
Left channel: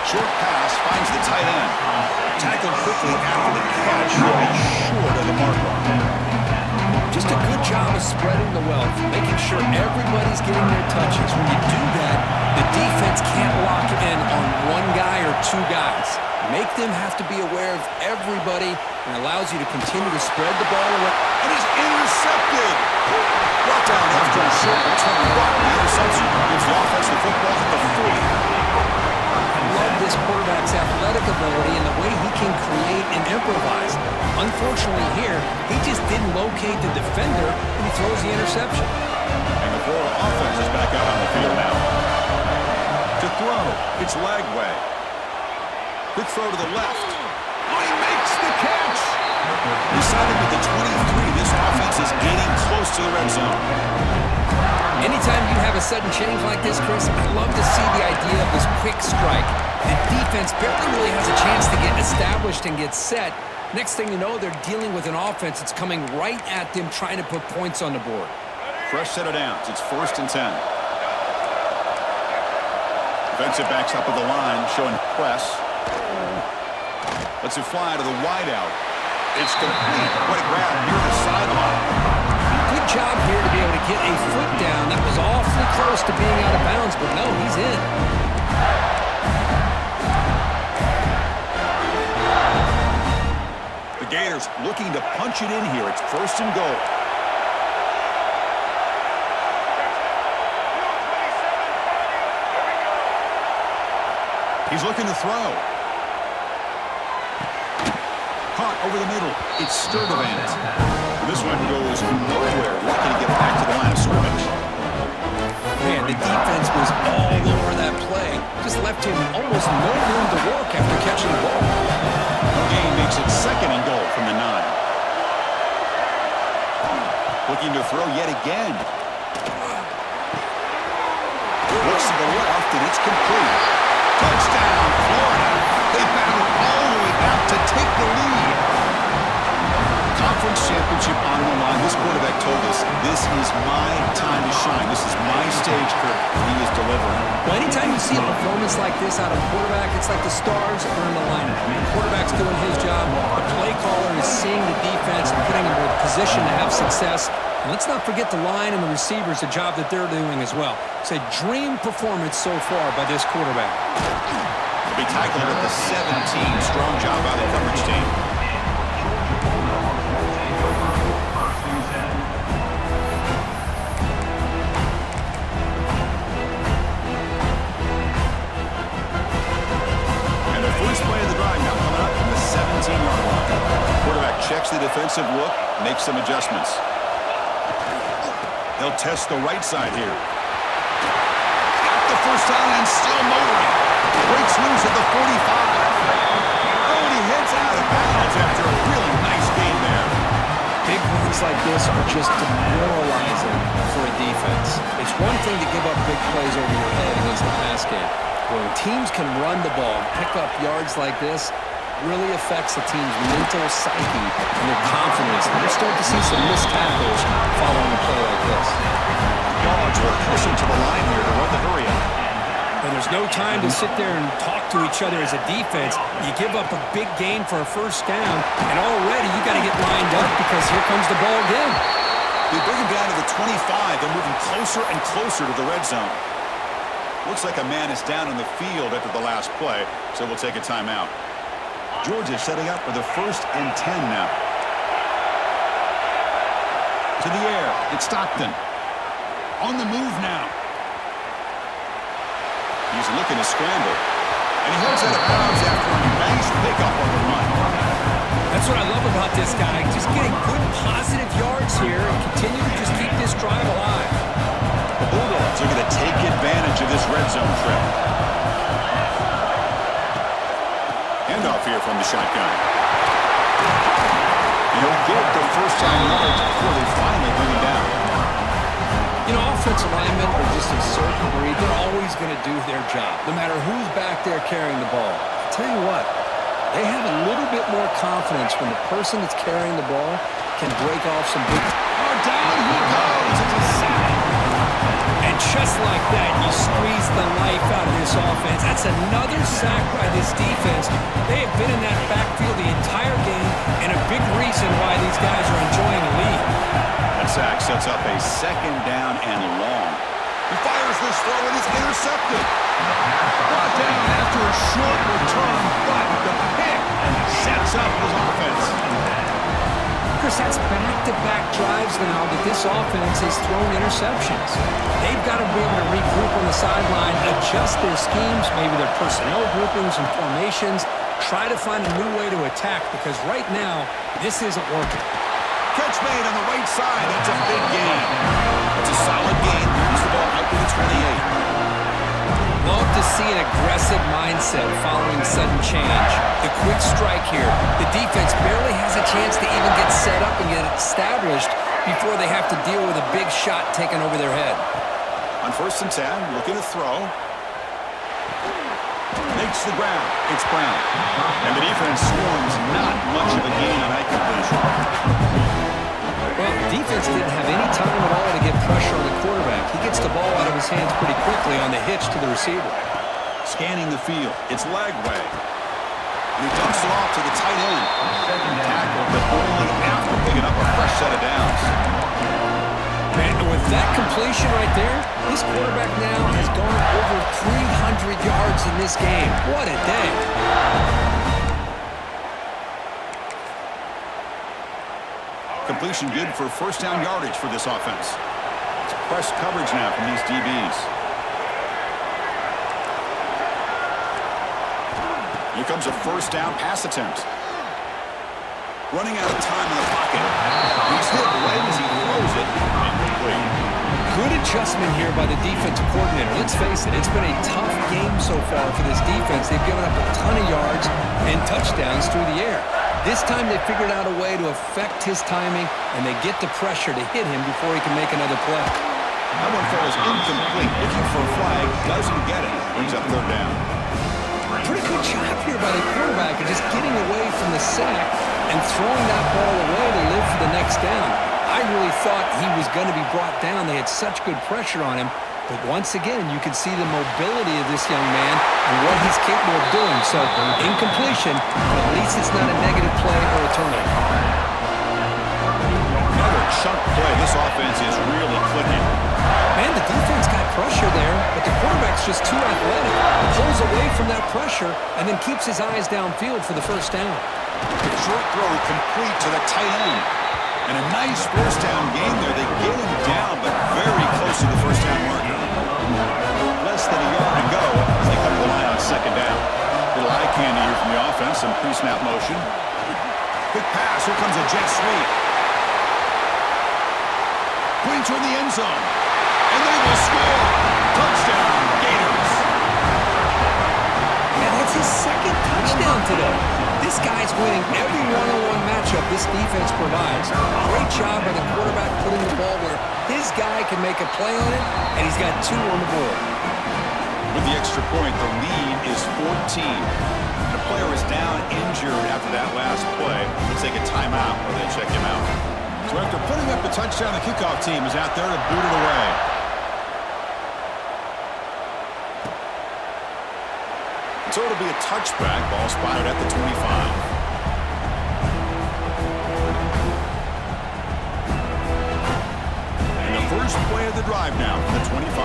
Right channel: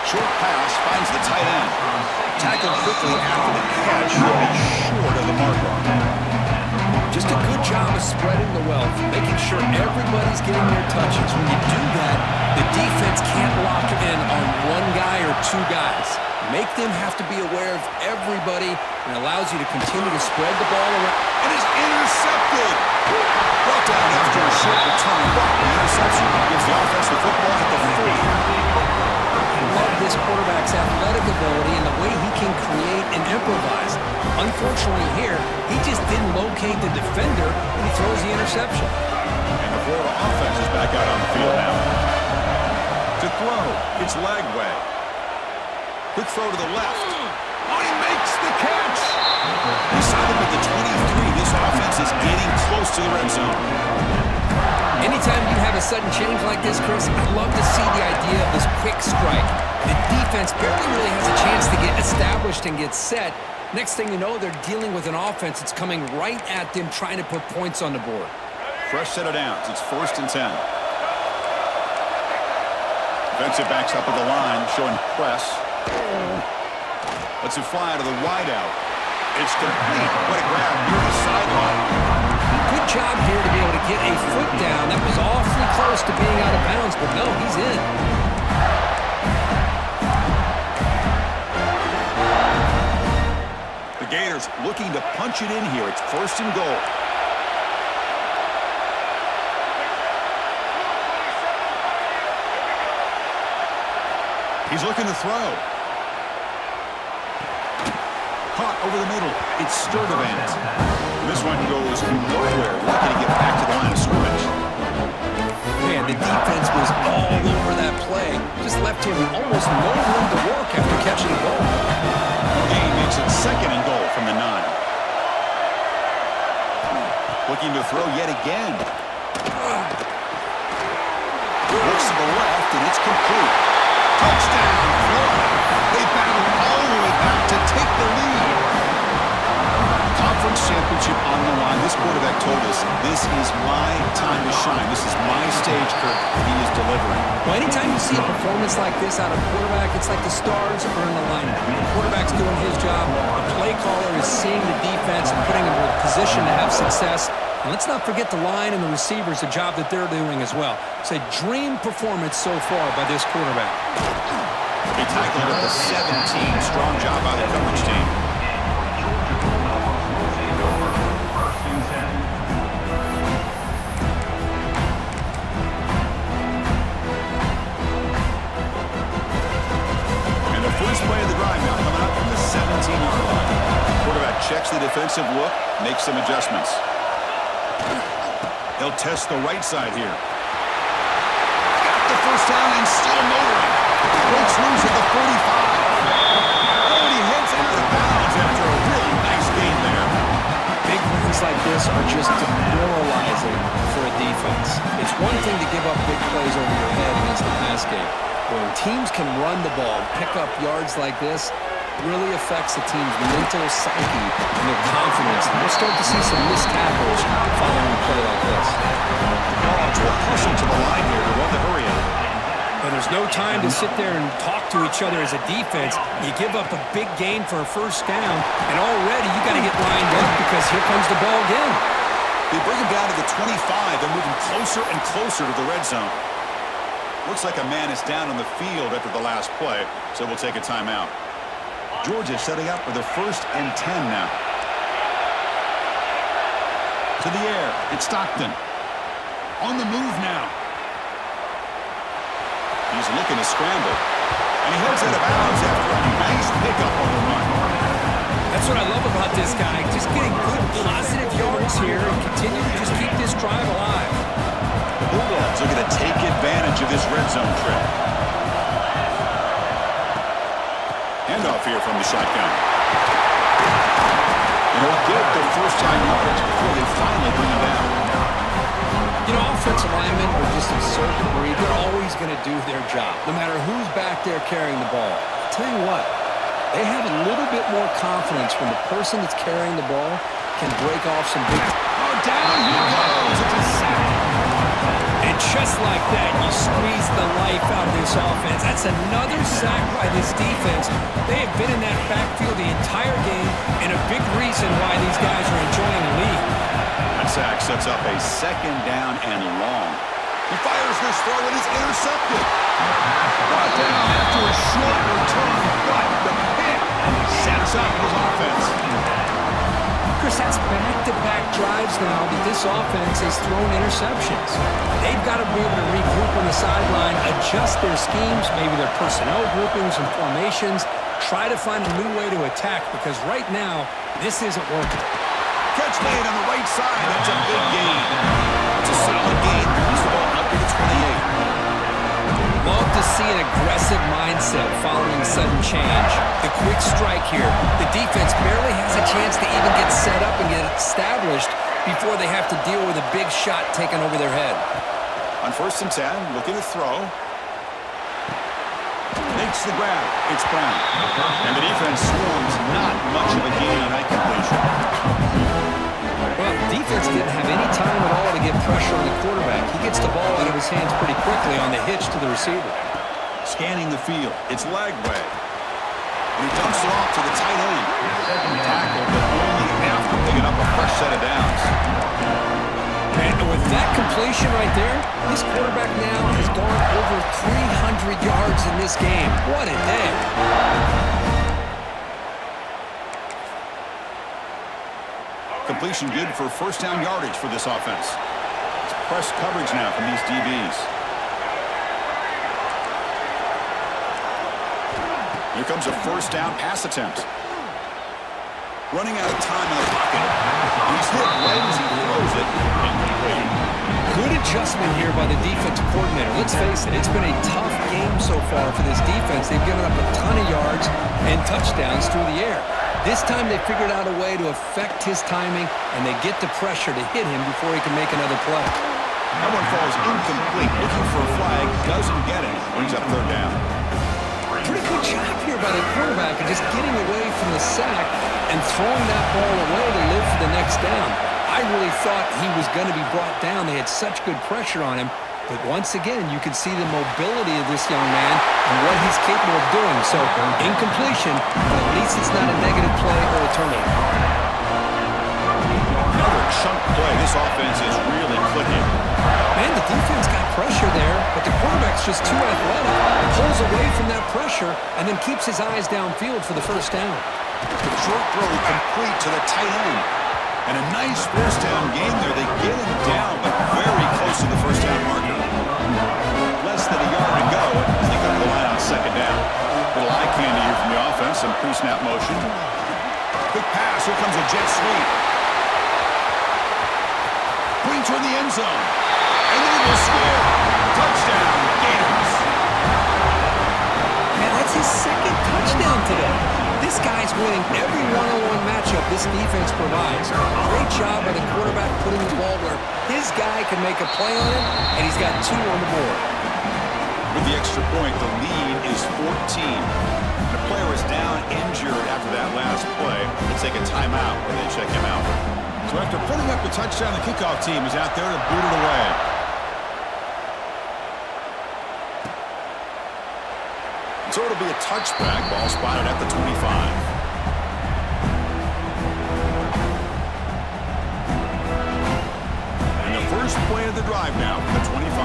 Short pass finds the tight end. Tackled quickly after the catch. Short of the marker. Just a good job of spreading the wealth, making sure everybody's getting their touches. When you do that, the defense can't lock in on one guy or two guys. Make them have to be aware of everybody, and allows you to continue to spread the ball around. And it's intercepted. Brought down after a short return, but the interception gives the offense the football at the 40. I love this quarterback's athletic ability and the way he can create and improvise. Unfortunately here, he just didn't locate the defender, and he throws the interception. And the Florida offense is back out on the field now. To throw, it's Lagway. Quick throw to the left. Oh, he makes the catch! Decided with the 23, this offense is getting close to the red zone. Anytime you have a sudden change like this, Chris, I love to see the idea of this quick strike. The defense barely really has a chance to get established and get set. Next thing you know, they're dealing with an offense that's coming right at them, trying to put points on the board. Fresh set of downs. It's 1st and 10. Defensive backs up at the line, showing press. Lets it fly to the wideout. It's complete. What a grab near the sideline. Good job here to be able to get a foot down. That was awfully close to being out of bounds, but no, he's in. Gators looking to punch it in here. It's 1st and goal. He's looking to throw. Caught over the middle. It's Sturdivant. This one goes nowhere. Lucky to get back to the line of scrimmage. Man, the defense was all over that play. Just left him almost no room to work after catching the ball. Gain makes it 2nd and goal from the 9. Looking to throw yet again. Looks to the left, and it's complete. Touchdown, Florida. They battle all the way back to take the lead. Conference championship on the line. This quarterback told us, this is my time to shine. This is my stage, Kurt, and he is delivering. Well, anytime you see a performance like this out of a quarterback, it's like the stars are in alignment. The quarterback's doing his job. The play caller is seeing the defense and putting them in a position to have success. And let's not forget the line and the receivers, the job that they're doing as well. It's a dream performance so far by this quarterback. He'll be tackled at the 17. Strong job by the coverage team. And the first play of the drive now coming up from the 17-yard line. Quarterback checks the defensive look, makes some adjustments. He'll test the right side here. Got the first down and still motoring. Breaks loose at the 45. Oh, and he heads out of bounds after a really nice game there. Big runs like this are just demoralizing for a defense. It's one thing to give up big plays over your head against the pass game. When teams can run the ball and pick up yards like this, really affects the team's mental psyche and their confidence. And you'll start to see some missed tackles following a play like this. Dogs will hustle to the line here to run the hurry up. And there's no time to sit there and talk to each other as a defense. You give up a big gain for a first down, and already you got to get lined up because here comes the ball again. They bring him down to the 25. They're moving closer and closer to the red zone. Looks like a man is down on the field after the last play, so we'll take a timeout. Georgia setting up with a 1st and 10 now. To the air. It's Stockton. On the move now. He's looking to scramble. And he heads out of bounds after a nice pickup on the run. That's what I love about this guy. Just getting good, positive yards here and continue to just keep this drive alive. The Bulldogs are going to take advantage of this red zone trip. Handoff here from the shotgun. And he'll get the first down yards before they finally bring him down. You know, offensive linemen are just a certain breed. They're always going to do their job, no matter who's back there carrying the ball. I'll tell you what, they have a little bit more confidence when the person that's carrying the ball can break off some big... Oh, down he goes. It's a sack. And just like that, you squeeze the life out of this offense. That's another sack by this defense. They have been in that backfield the entire game, and a big reason why these guys are enjoying the lead. That sack sets up a 2nd down and long. He fires this throw and is intercepted. Brought down after a short return, but the pick sets up his offense. Chris, that's back-to-back drives now that this offense has thrown interceptions. They've got to be able to regroup on the sideline, adjust their schemes, maybe their personnel groupings and formations, try to find a new way to attack because right now, this isn't working. Catch made on the right side. That's a big gain. That's a solid gain. Moves the ball out to the 28. Love to see an aggressive mindset following sudden change. The quick strike here. The defense barely has a chance to even get set up and get established before they have to deal with a big shot taken over their head. On 1st and 10, looking to throw. Makes the grab. It's Brown. And the defense swarms. Not much of a gain on that completion. Well, the defense didn't have any time at all to get pressure on the quarterback. He gets the ball out of his hands pretty quickly on the hitch to the receiver. Scanning the field. It's leg way. And he dumps it off to the tight end. Tackled, but only after picking up a fresh set of downs. And with that completion right there, This quarterback now has gone over 300 yards in this game. What a day. Completion good for first down yardage for this offense. It's press coverage now from these DBs. Here comes a first down pass attempt. Running out of time in the pocket. He's hit right as he throws it. Incomplete. Good adjustment here by the defensive coordinator. Let's face it, it's been a tough game so far for this defense. They've given up a ton of yards and touchdowns through the air. This time they figured out a way to affect his timing, and they get the pressure to hit him before he can make another play. That one falls incomplete. Looking for a flag. Doesn't get it. Brings up third down. Pretty good job here by the quarterback of just getting away from the sack and throwing that ball away to live for the next down. I really thought he was going to be brought down. They had such good pressure on him. But once again, you can see the mobility of this young man and what he's capable of doing. So, incompletion, but at least it's not a negative play or a turnover. Another chunk play. This offense is really clicking. Man, the defense got pressure there, but the quarterback's just too athletic. Pulls away from that pressure and then keeps his eyes downfield for the first down. Short throw complete to the tight end. And a nice first down game there. They get him down, but very close to the first down marker. Less than a yard to go as they come to the line on second down. Little eye candy here from the offense. Some pre-snap motion. Quick pass. Here comes a jet sweep. Putting toward the end zone. And they will score. Touchdown, Gators. Man, that's his second touchdown today. This guy's winning every one-on-one matchup this defense provides. Great job by the quarterback putting the ball where his guy can make a play on it, and he's got 2 on the board. With the extra point, the lead is 14. The player is down injured after that last play. Looks like a timeout where they check him out. So after putting up the touchdown, the kickoff team is out there to boot it away. So it'll be a touchback. Ball spotted at the 25. And the first play of the drive now from the 25.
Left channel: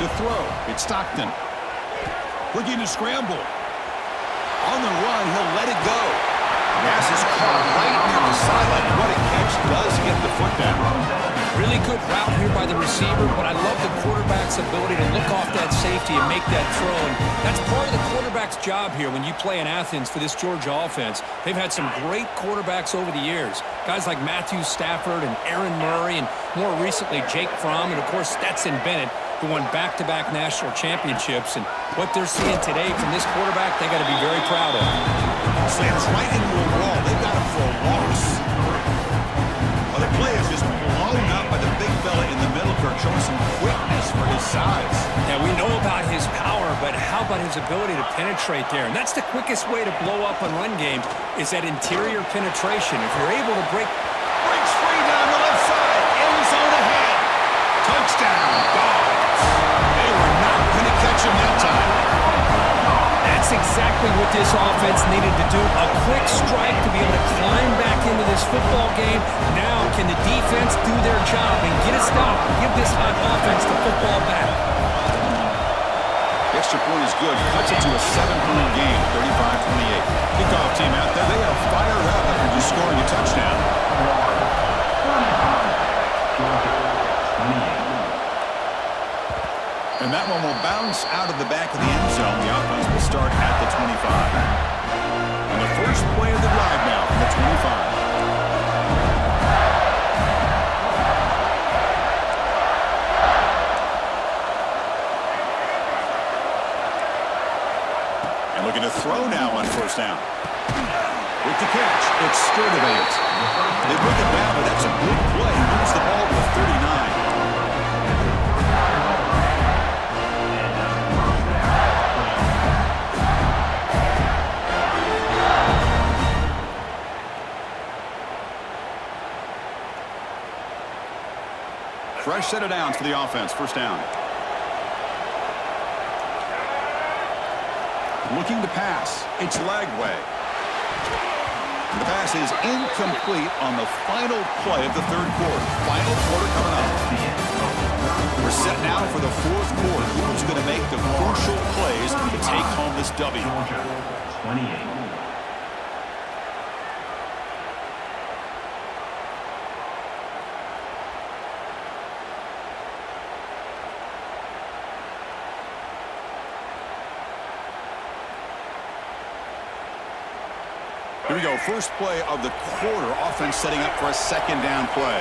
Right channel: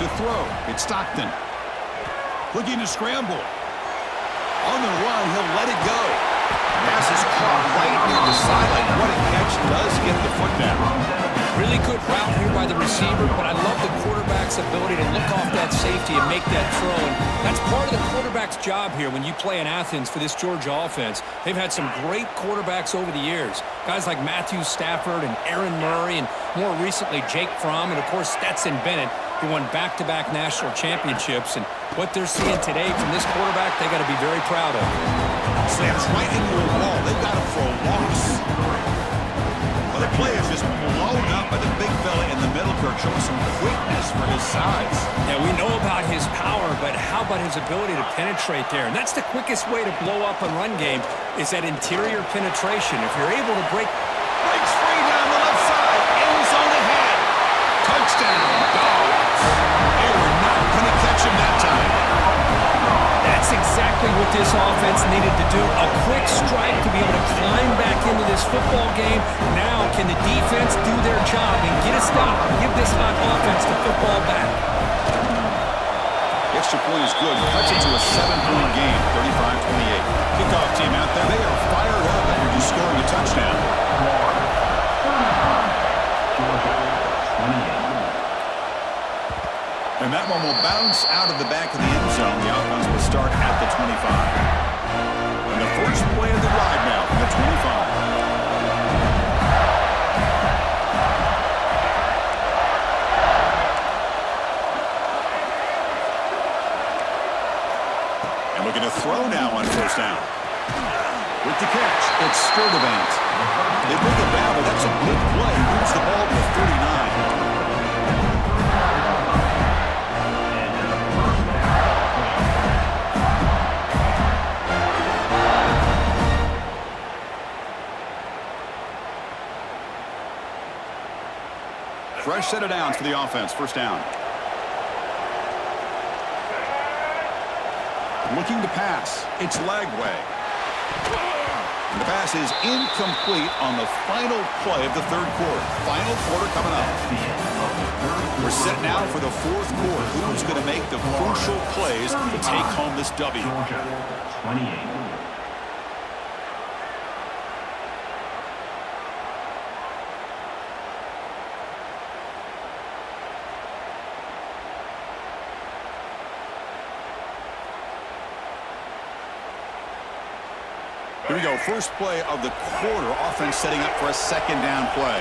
To throw, it's Stockton. Looking to scramble. On the run, he'll let it go. Pass is caught right near the sideline. What a catch. Does get the foot down. Really good route here by the receiver, but I love the quarterback's ability to look off that safety and make that throw. And that's part of the quarterback's job here when you play in Athens for this Georgia offense. They've had some great quarterbacks over the years. Guys like Matthew Stafford and Aaron Murray, and more recently Jake Fromm, and of course Stetson Bennett, who won back-to-back national championships. And what they're seeing today from this quarterback, they got to be very proud of. Slams right into a wall. They've got him for a loss. Well, the play is just blown up by the big fella in the middle, Kirk, showing some quickness for his size. Yeah, we know about his power, but how about his ability to penetrate there? And that's the quickest way to blow up a run game, is that interior penetration. If you're able to breaks free down the left side. End zone ahead. Touchdown, Dogs. They were not going to catch him that time. That's exactly what this offense needed to do. A quick strike to be able to climb back into this football game. Now, can the defense do their job and get a stop and give this hot offense the football back? The extra point is good. Cuts it to a 7-point game, 35-28. Kickoff team out there. They are fired up after just scoring a touchdown. And that one will bounce out of the back of the end zone. The offense will start at the 25. And the first play of the drive now from the 25. And looking to throw now on first down. With the catch, it's Sturdivant. They bring it down, but that's a big play. Moves the ball to the 39. Fresh set of downs for the offense. First down. Looking to pass. It's Lagway. The pass is incomplete on the final play of the third quarter. Final quarter coming up. We're set now for the fourth quarter. Who's going to make the crucial plays to take home this W? Here we go, first play of the quarter. Offense setting up for a second down play.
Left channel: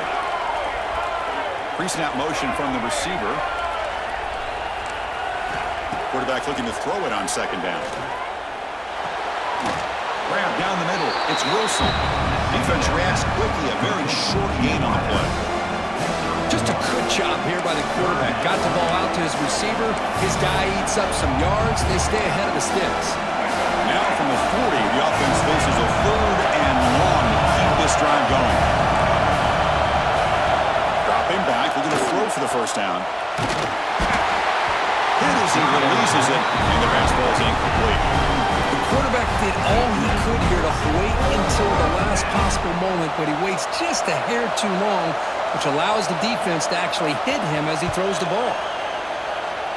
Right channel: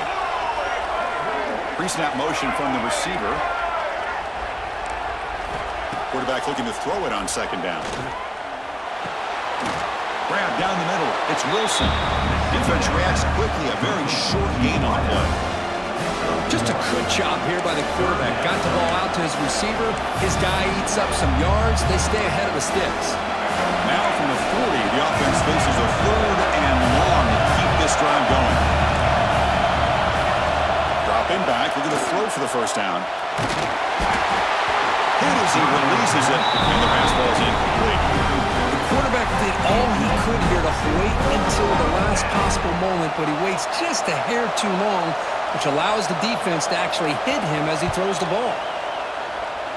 Pre-snap motion from the receiver. Quarterback looking to throw it on second down. Grab down the middle. It's Wilson. Defense reacts quickly. A very short gain on the play. Just a good job here by the quarterback. Got the ball out to his receiver. His guy eats up some yards. They stay ahead of the sticks. Now from the 40, the offense faces a third and long to keep this drive going. Dropping back, looking to throw for the first down. Hit as he releases it, and the pass ball is incomplete. The quarterback did all he could here to wait until the last possible moment, but he waits just a hair too long, which allows the defense to actually hit him as he throws the ball.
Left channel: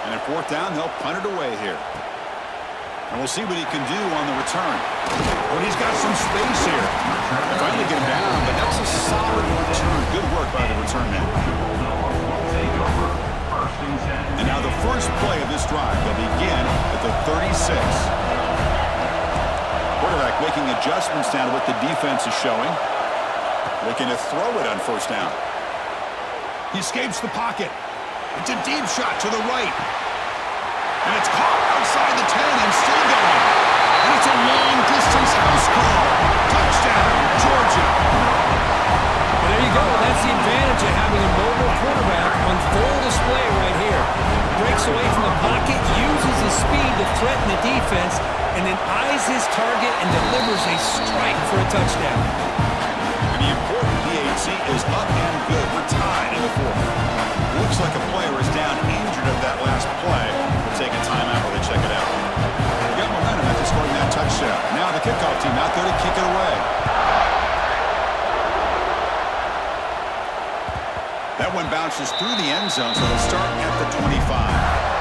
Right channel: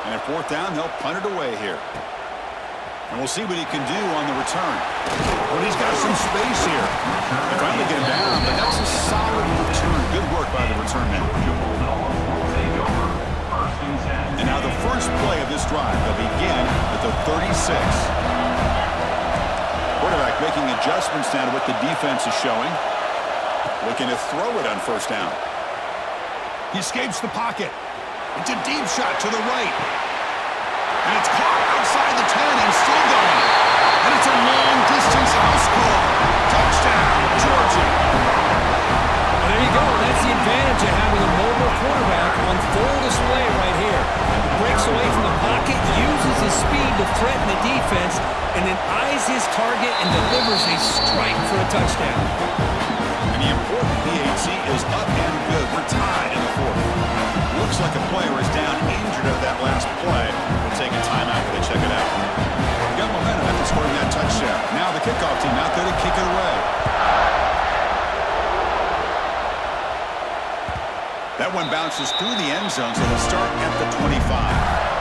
And at fourth down, they'll punt it away here. And we'll see what he can do on the return. But he's got some space here. They finally get him down, but that's a solid return. Good work by the return man. And now the first play of this drive, they'll begin at the 36. Quarterback making adjustments now to what the defense is showing. Looking to throw it on first down. He escapes the pocket. It's a deep shot to the right. And it's caught outside the 10 and still going. And it's a long-distance house call. Touchdown, Georgia. Well, there you go. That's the advantage of having a mobile quarterback on full display right here. Breaks away from the pocket, uses his speed to threaten the defense, and then eyes his target and delivers a strike for a touchdown. And the important PAT is up and good. We're tied in the fourth. Looks like a player is down injured at that last play. We'll take a timeout while they check it out. We got momentum after scoring that touchdown. Now the kickoff team out there to kick it away. That one bounces through the end zone, so they'll start at the 25.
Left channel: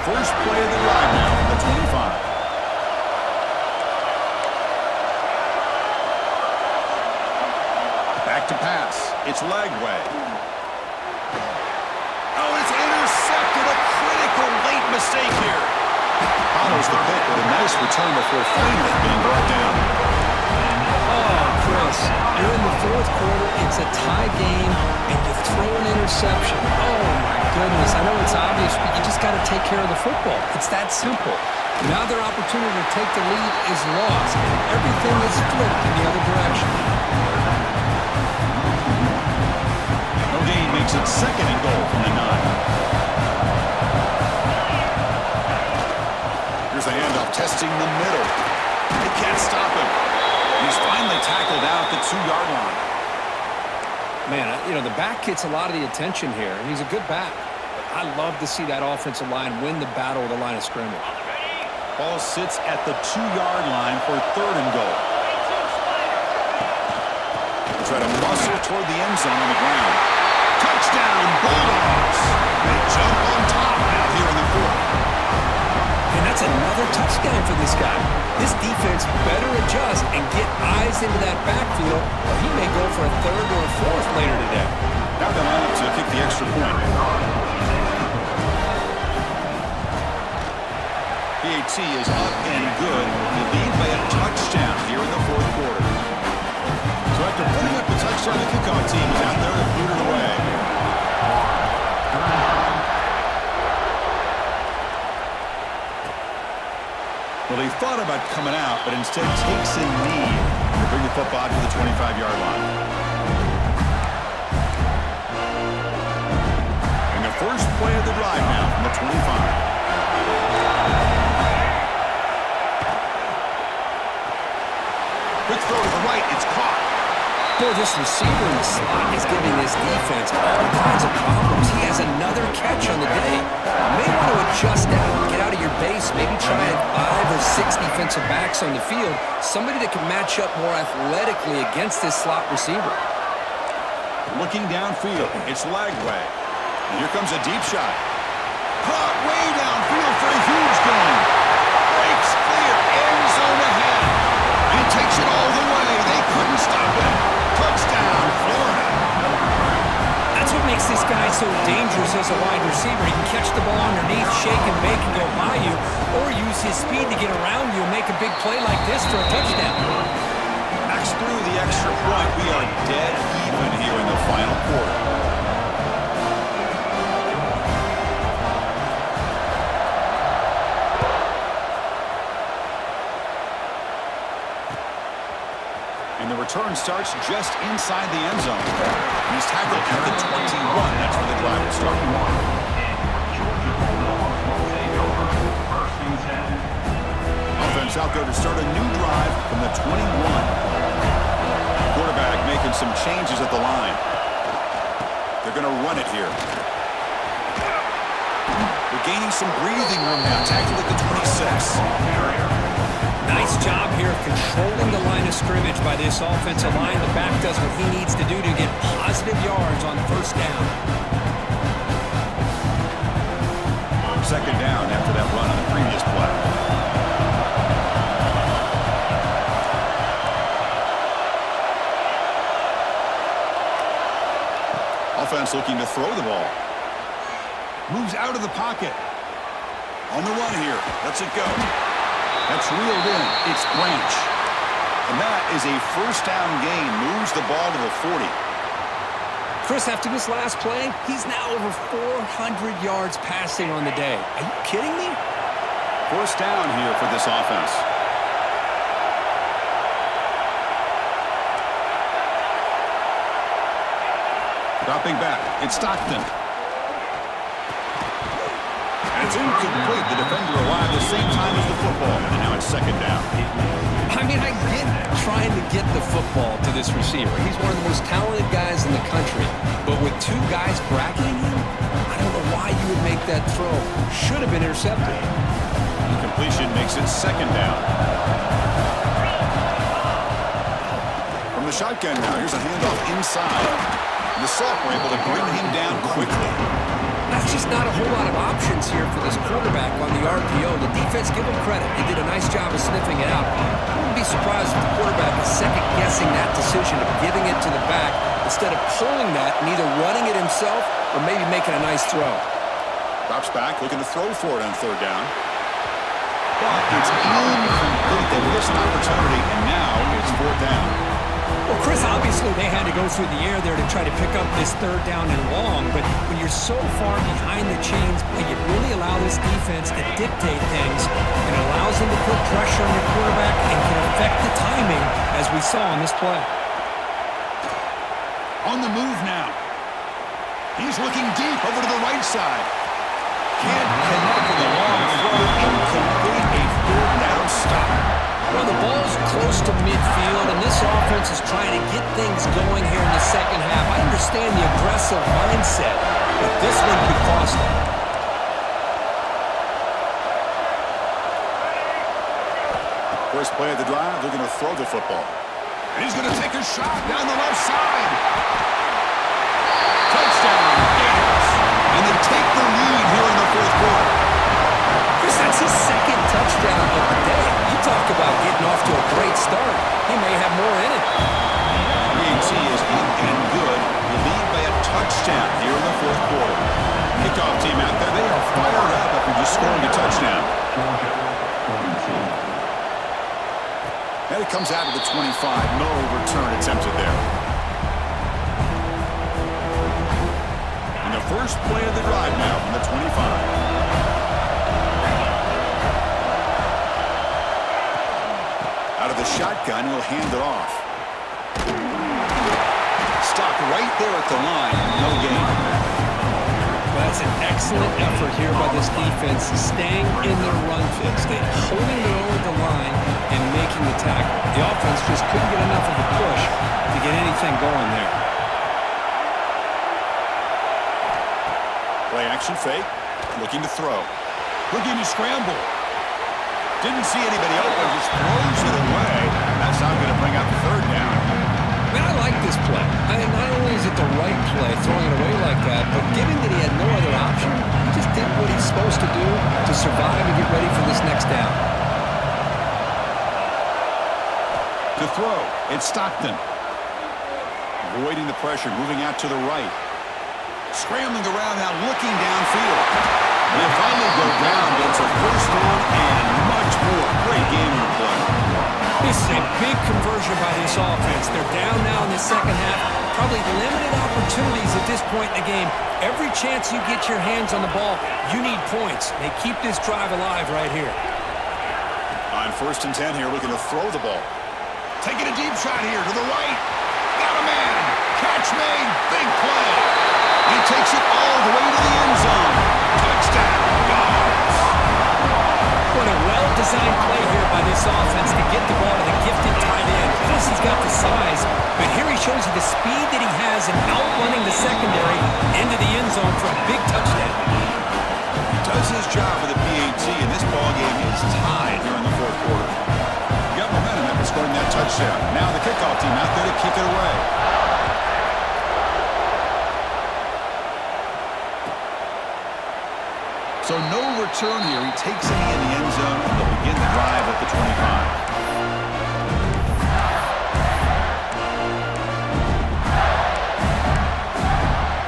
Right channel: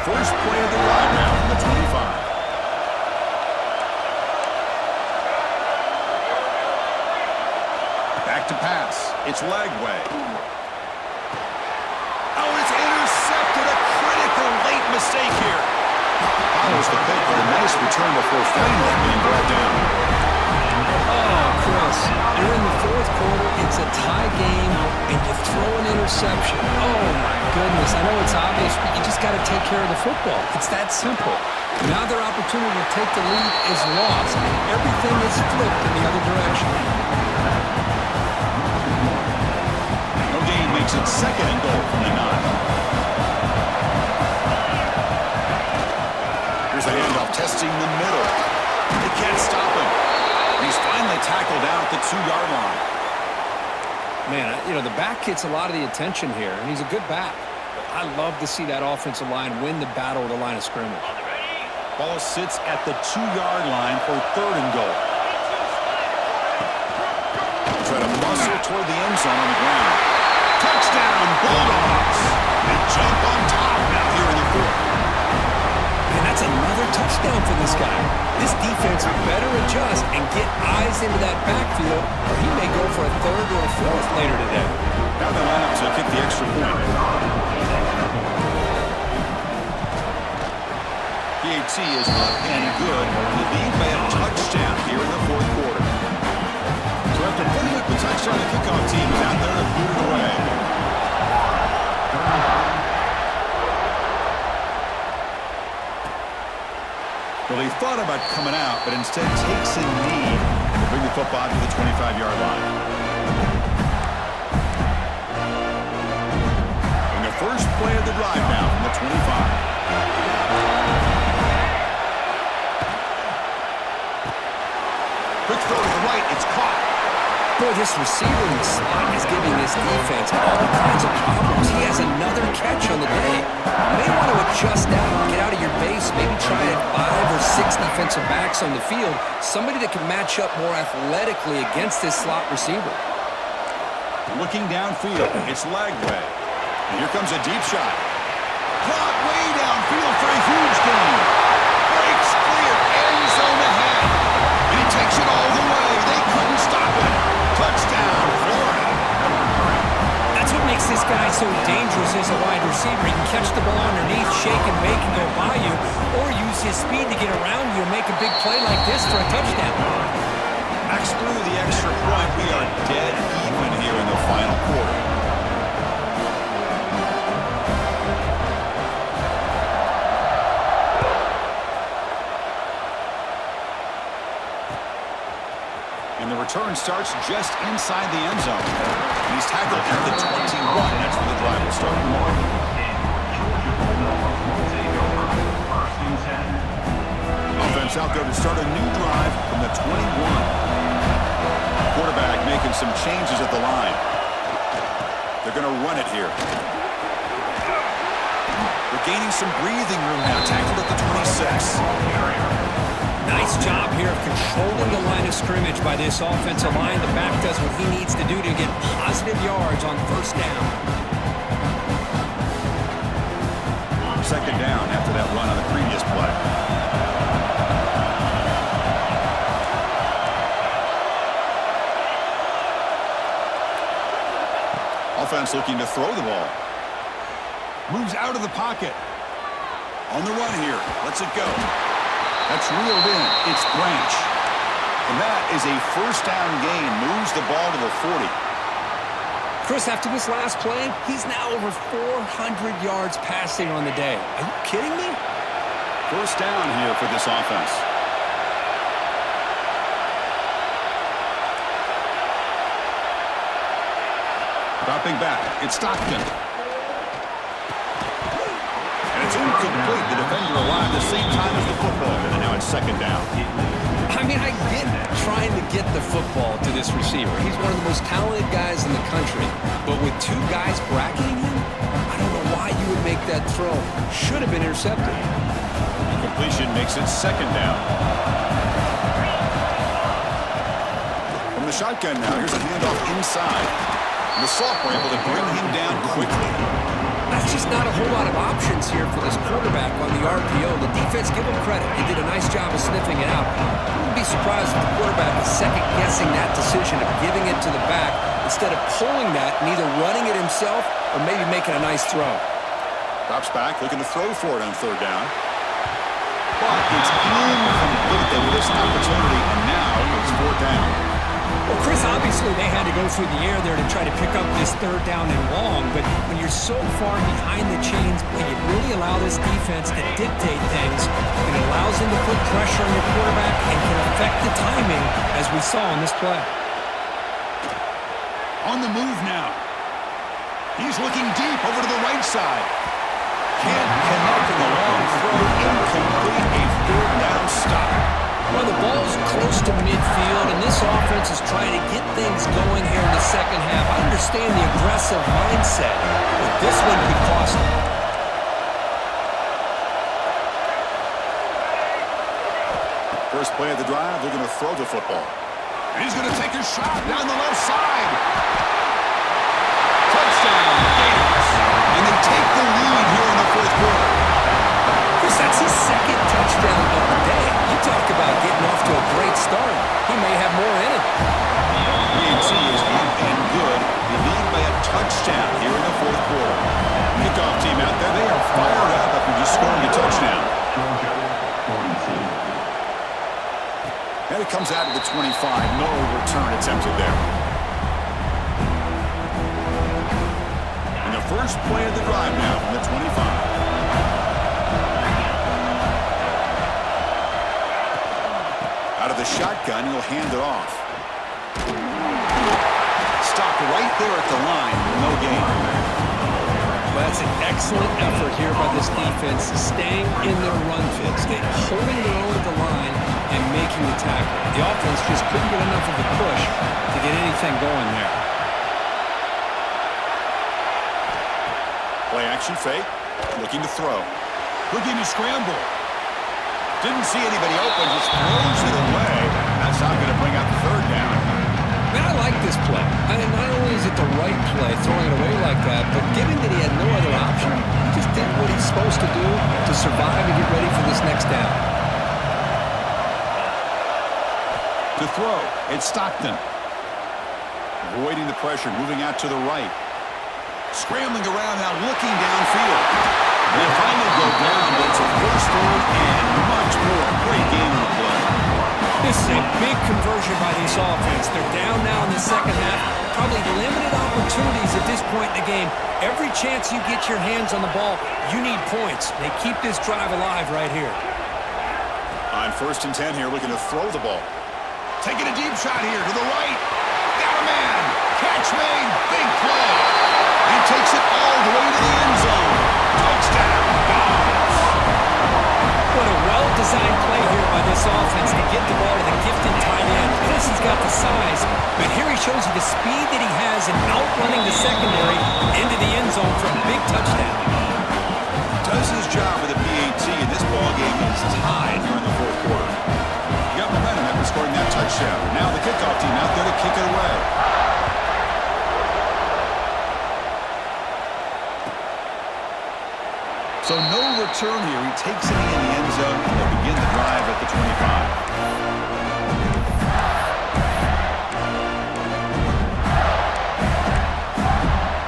First play of the drive now from the 25. Back to pass. It's Lagway. Oh, it's intercepted. A critical late mistake here. Follows the pick with a nice return before finally being brought down. Oh, Chris, you're in the fourth quarter. It's a tie game, and you throw an interception. Oh, my goodness. I know it's obvious, but you just got to take care of the football. It's that simple. Now their opportunity to take the lead is lost, and everything is flipped in the other direction. No gain makes it second and goal from the 9. Here's the handoff, testing the middle. They can't stop him. And he's finally tackled out at the 2-yard line. Man, you know, the back gets a lot of the attention here, and he's a good back. But I love to see that offensive line win the battle at the line of scrimmage. Ball sits at the 2-yard line for third and goal. They try to muscle toward the end zone on the ground. Touchdown, Bulldogs! They jump on top now here in the fourth. And that's another touchdown for this guy. This defense better adjust and get eyes into that backfield, or he may go for a third or a fourth later today. Now they line up to kick the extra point. PAT is up and good. The lead by a touchdown here in the fourth quarter. So after putting up the touchdown, the kickoff team is out there to boot it away. Well, he thought about coming out, but instead takes a knee to bring the football to the 25-yard line. And the first play of the drive now from the 25. Quick throw to the right, it's caught. Boy, this receiver in the slot is giving this defense all kinds of problems. He has another catch on the day. You may want to adjust out, get out of your base, maybe try 5 or 6 defensive backs on the field, somebody that can match up more athletically against this slot receiver. Looking downfield, it's Lagway. And here comes a deep shot. Caught way downfield for a huge gain. Breaks clear, end zone ahead. And he takes it all the way. They couldn't stop it. Touchdown, Florida. That's what makes this guy so dangerous as a wide receiver. He can catch the ball underneath, shake and bake and go by you, or use his speed to get around you and make a big play like this for a touchdown. Max through the extra point. We are dead even here in the final quarter. And the return starts just inside the end zone. And he's tackled at the 21. That's where the drive will start. Offense out there to start a new drive from the 21. Quarterback making some changes at the line. They're going to run it here. They're gaining some breathing room now. Tackled at the 26. Nice job here of controlling the line of scrimmage by this offensive line. The back does what he needs to do to get positive yards on first down. Second down after that run on the previous play. Offense looking to throw the ball. Moves out of the pocket. On the run here. Lets it go. That's reeled in. It's Branch. And that is a first down gain. Moves the ball to the 40. Chris, after this last play, he's now over 400 yards passing on the day. Are you kidding me? First down here for this offense. Dropping back. It's Stockton. And it's incomplete. The defender alive the same time as the football. And now it's second down. I mean, I get trying to get the football to this receiver. He's one of the most talented guys in the country. But with two guys bracketing him, I don't know why you would make that throw. Should have been intercepted. Incompletion makes it second down. From the shotgun now, here's a handoff inside. The Salk were able to bring him down quickly. That's just not a whole lot of options here for this quarterback on the RPO. The defense, give him credit. They did a nice job of sniffing it out. I wouldn't be surprised if the quarterback is second-guessing that decision of giving it to the back instead of pulling that and either running it himself or maybe making a nice throw. Drops back, looking to throw for it on third down. But it's incomplete. They missed an opportunity, and now it's fourth down. Well, Chris, obviously they had to go through the air there to try to pick up this third down and long, but when you're so far behind the chains, you really allow this defense to dictate things, and it allows them to put pressure on your quarterback and can affect the timing, as we saw on this play. On the move now. He's looking deep over to the right side. Can't connect with a long throw. Incomplete, a fourth down stop. Well, the ball's close to midfield, and this offense is trying to get things going here in the second half. I understand the aggressive mindset, but this one could cost them. First play of the drive, they're going to throw the football. And he's going to take a shot down the left side. Touchdown, Gators. And they take the lead here in the fourth quarter. Chris, that's his second touchdown of the day. You talk about getting off to a great start. He may have more in it. UNC is up and good. The lead by a touchdown here in the fourth quarter. Kickoff team out there, they are fired up after just scoring a touchdown. And it comes out to the 25. No return attempted there. And the first play of the drive now from the 25. Out of the shotgun, he'll hand it off. Stopped right there at the line. No gain. Well, that's an excellent effort here by this defense, staying in their run fits, holding their own at the line and making the tackle. The offense just couldn't get enough of a push to get anything going there. Play action fake. Looking to throw. Looking to scramble. Didn't see anybody open, just throws it away. That's not going to bring out the third down. Man, I like this play. I mean, not only is it the right play, throwing it away like that, but given that he had no other option, he just did what he's supposed to do to survive and get ready for this next down. To throw, it's Stockton. Avoiding the pressure, moving out to the right. Scrambling around now, looking downfield. And they finally go down, but it's a first down and much more. Great game in the play. This is a big conversion by this offense. They're down now in the second half. Probably limited opportunities at this point in the game. Every chance you get your hands on the ball, you need points. They keep this drive alive right here. On 1st and 10 here, looking to throw the ball. Taking a deep shot here to the right. Got a man. Catch made. Big play. He takes it all the way to the end zone. Touchdown, Dogs. What a well-designed play here by this offense to get the ball to the gifted tight end. Plus, he's got the size, but here he shows you the speed that he has in outrunning the secondary into the end zone for a big touchdown. He does his job with a PAT, and this ball game is tied here in the 4th quarter. He got momentum after scoring that touchdown. Now the kickoff team out there to kick it away. So no return here. He takes it in the end zone, and they'll begin the drive at the 25.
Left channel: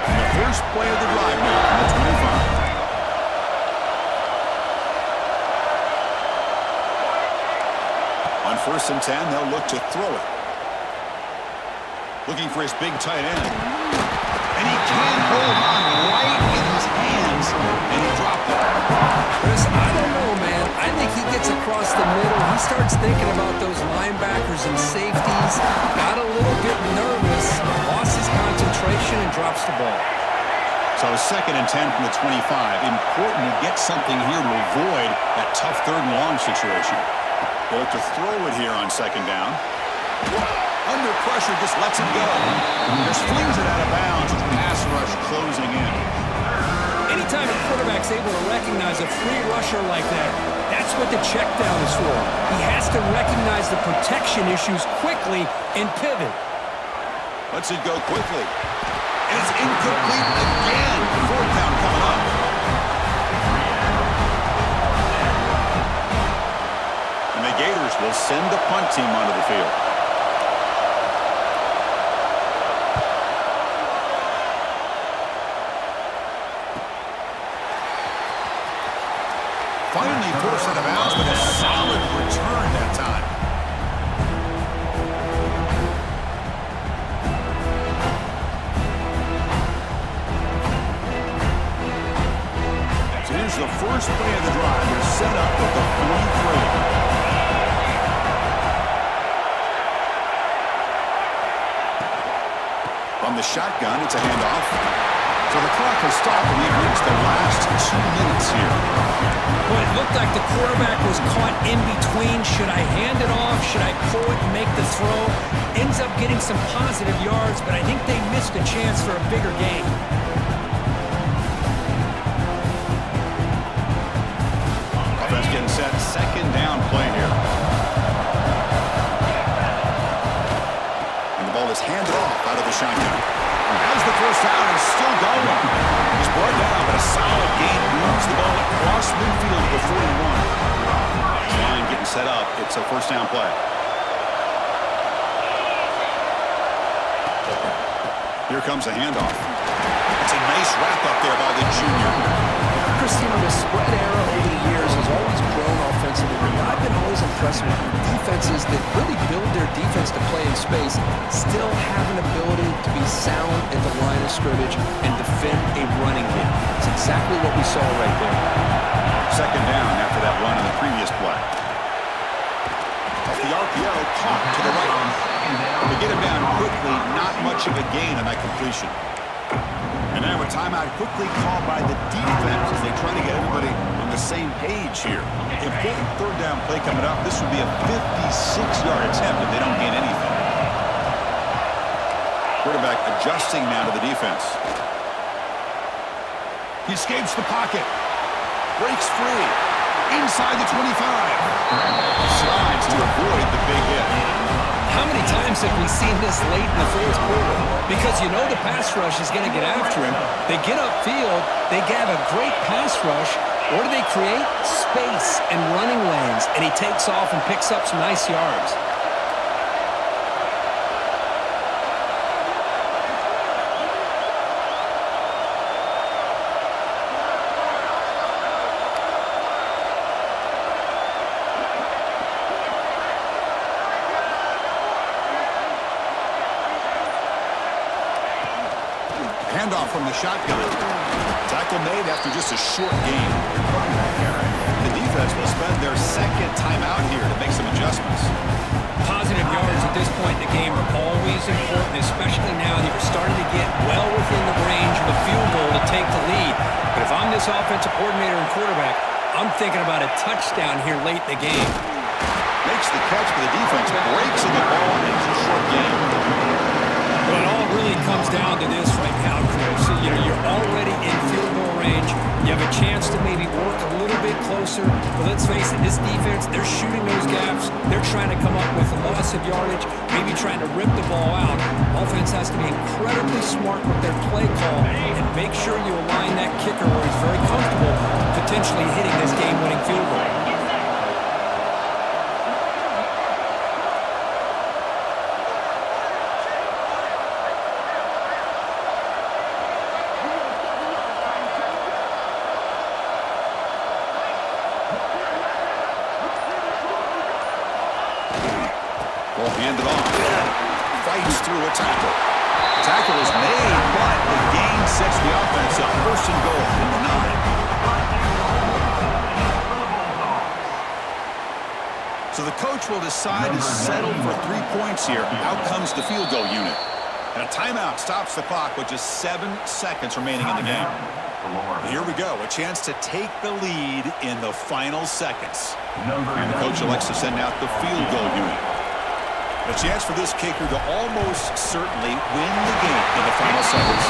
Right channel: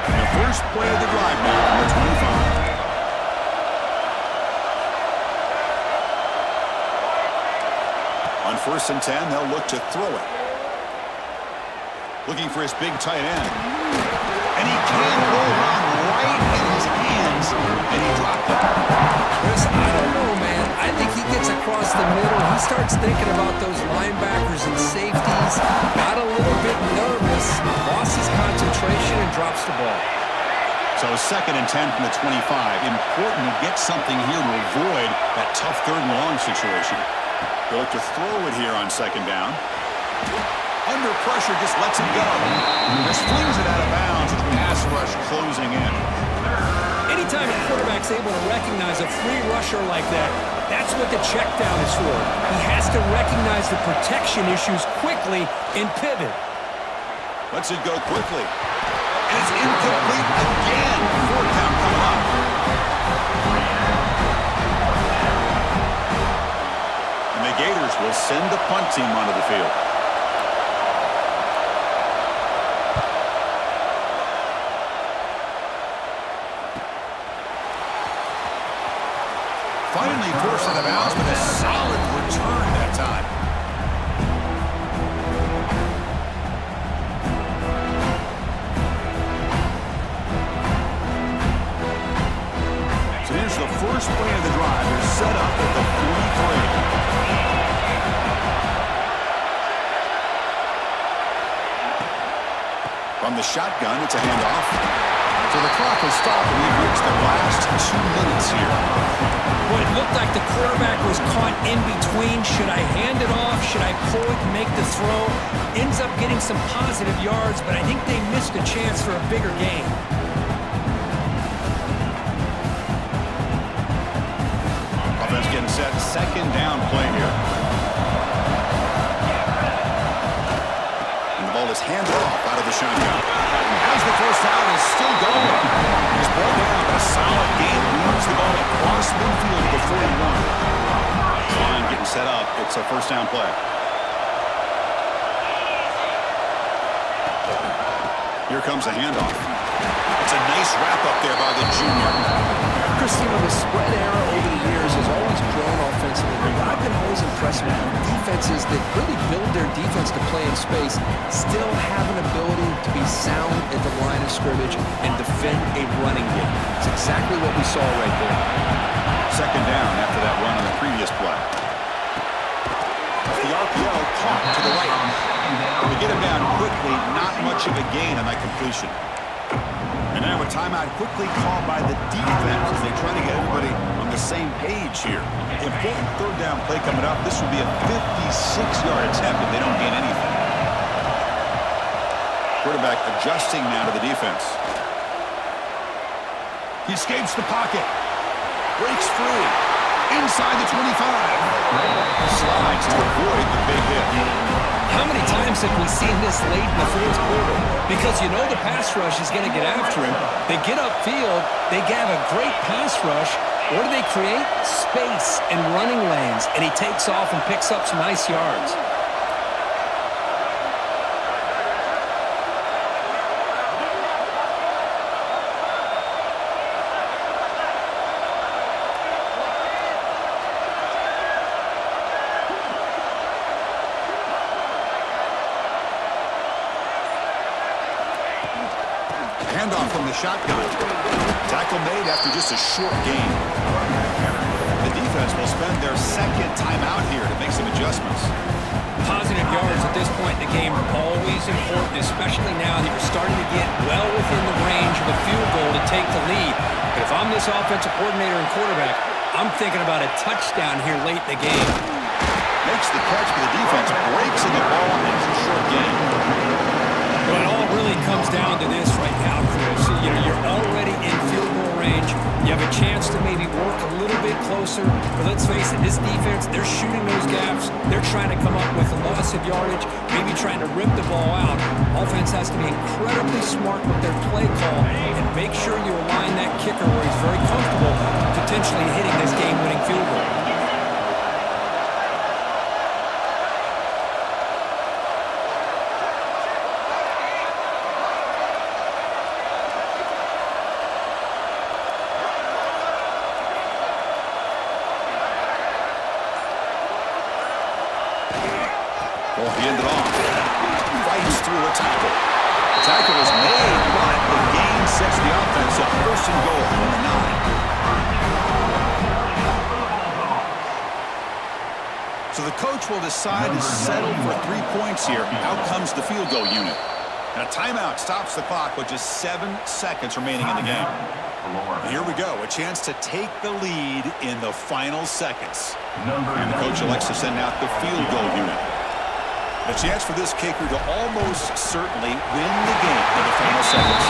And the first play of the drive now from the 25. On 1st and 10, they'll look to throw it. Looking for his big tight end. And he can hold on right in his hands, and he dropped it. Chris, I don't know, man. I think he gets across the middle. He starts thinking about those linebackers and safeties. Got a little bit nervous, lost his concentration, and drops the ball. So 2nd and 10 from the 25. Important to get something here to avoid that tough 3rd and long situation. They look to throw it here on 2nd down. Under pressure, just lets it go. Just flings it out of bounds with pass rush closing in. Anytime a quarterback's able to recognize a free rusher like that, that's what the check down is for. He has to recognize the protection issues quickly and pivot. Lets it go quickly. And it's incomplete again. 4th down coming up. And the Gators will send the punt team onto the field. Finally forced out of bounds with a solid return that time. So here's the first play of the drive. They're set up at the 43. From the shotgun, it's a handoff. So the clock has stopped, and we've reached the last 2 minutes here. Boy, it looked like the quarterback was caught in between. Should I hand it off? Should I pull it and make the throw? Ends up getting some positive yards, but I think they missed a chance for a bigger gain. Offense getting set. 2nd down play here. And the ball is handed off out of the shotgun. As the first down is still going. He's brought down, but a solid gain moves the ball across midfield to the 41. Line getting set up. It's a 1st down play. Here comes a handoff. It's a nice wrap up there by the junior. Christina, the spread era over the years has always grown offensively, but I've been always impressed with defenses that really build their defense to play in space, still have an ability to be sound at the line of scrimmage and defend a running game. It's exactly what we saw right there. 2nd down after that run on the previous play. Off the RPO, caught to the right. To get him down quickly, not much of a gain on that completion. And now a timeout quickly called by the defense as they try to get everybody on the same page here. Important 3rd down play coming up. This would be a 56-yard attempt if they don't gain anything. Quarterback adjusting now to the defense. He escapes the pocket. Breaks free. Inside the 25. Slides to avoid the big hit. How many times have we seen this late in the 4th quarter? Because you know the pass rush is going to get after him. They get upfield. They have a great pass rush. What do they create? Space and running lanes. And he takes off and picks up some nice yards. handoff from the shotgun. Tackle made after just a short gain. The defense will spend their second timeout here to make some adjustments. Positive yards at this point in the game are always important, especially now that you're starting to get well within the range of a field goal to take the lead. But if I'm this offensive coordinator and quarterback, I'm thinking about a touchdown here late in the game. Makes the catch for the defense, breaks in the ball, and it's a short game. But it all really comes down to this right now, Chris. You're already in field goal range. You have a chance to maybe work a little bit closer. But let's face it, this defense, they're shooting those gaps. They're trying to come up with a loss of yardage, maybe trying to rip the ball out. Offense has to be incredibly smart with their play call and make sure you align that kicker where he's very comfortable potentially hitting this game-winning field goal. Well, he ended off. Fights through a tackle. The tackle is made, but the gain sets the offense up. First and goal from the 9. So the coach will decide to settle for 3 points here. Out comes the field goal unit. And a timeout stops the clock with just 7 seconds remaining in the game. Here we go. A chance to take the lead in the final seconds. And the coach elects to send out the field goal unit. A chance for this kicker to almost certainly win the game in the final seconds.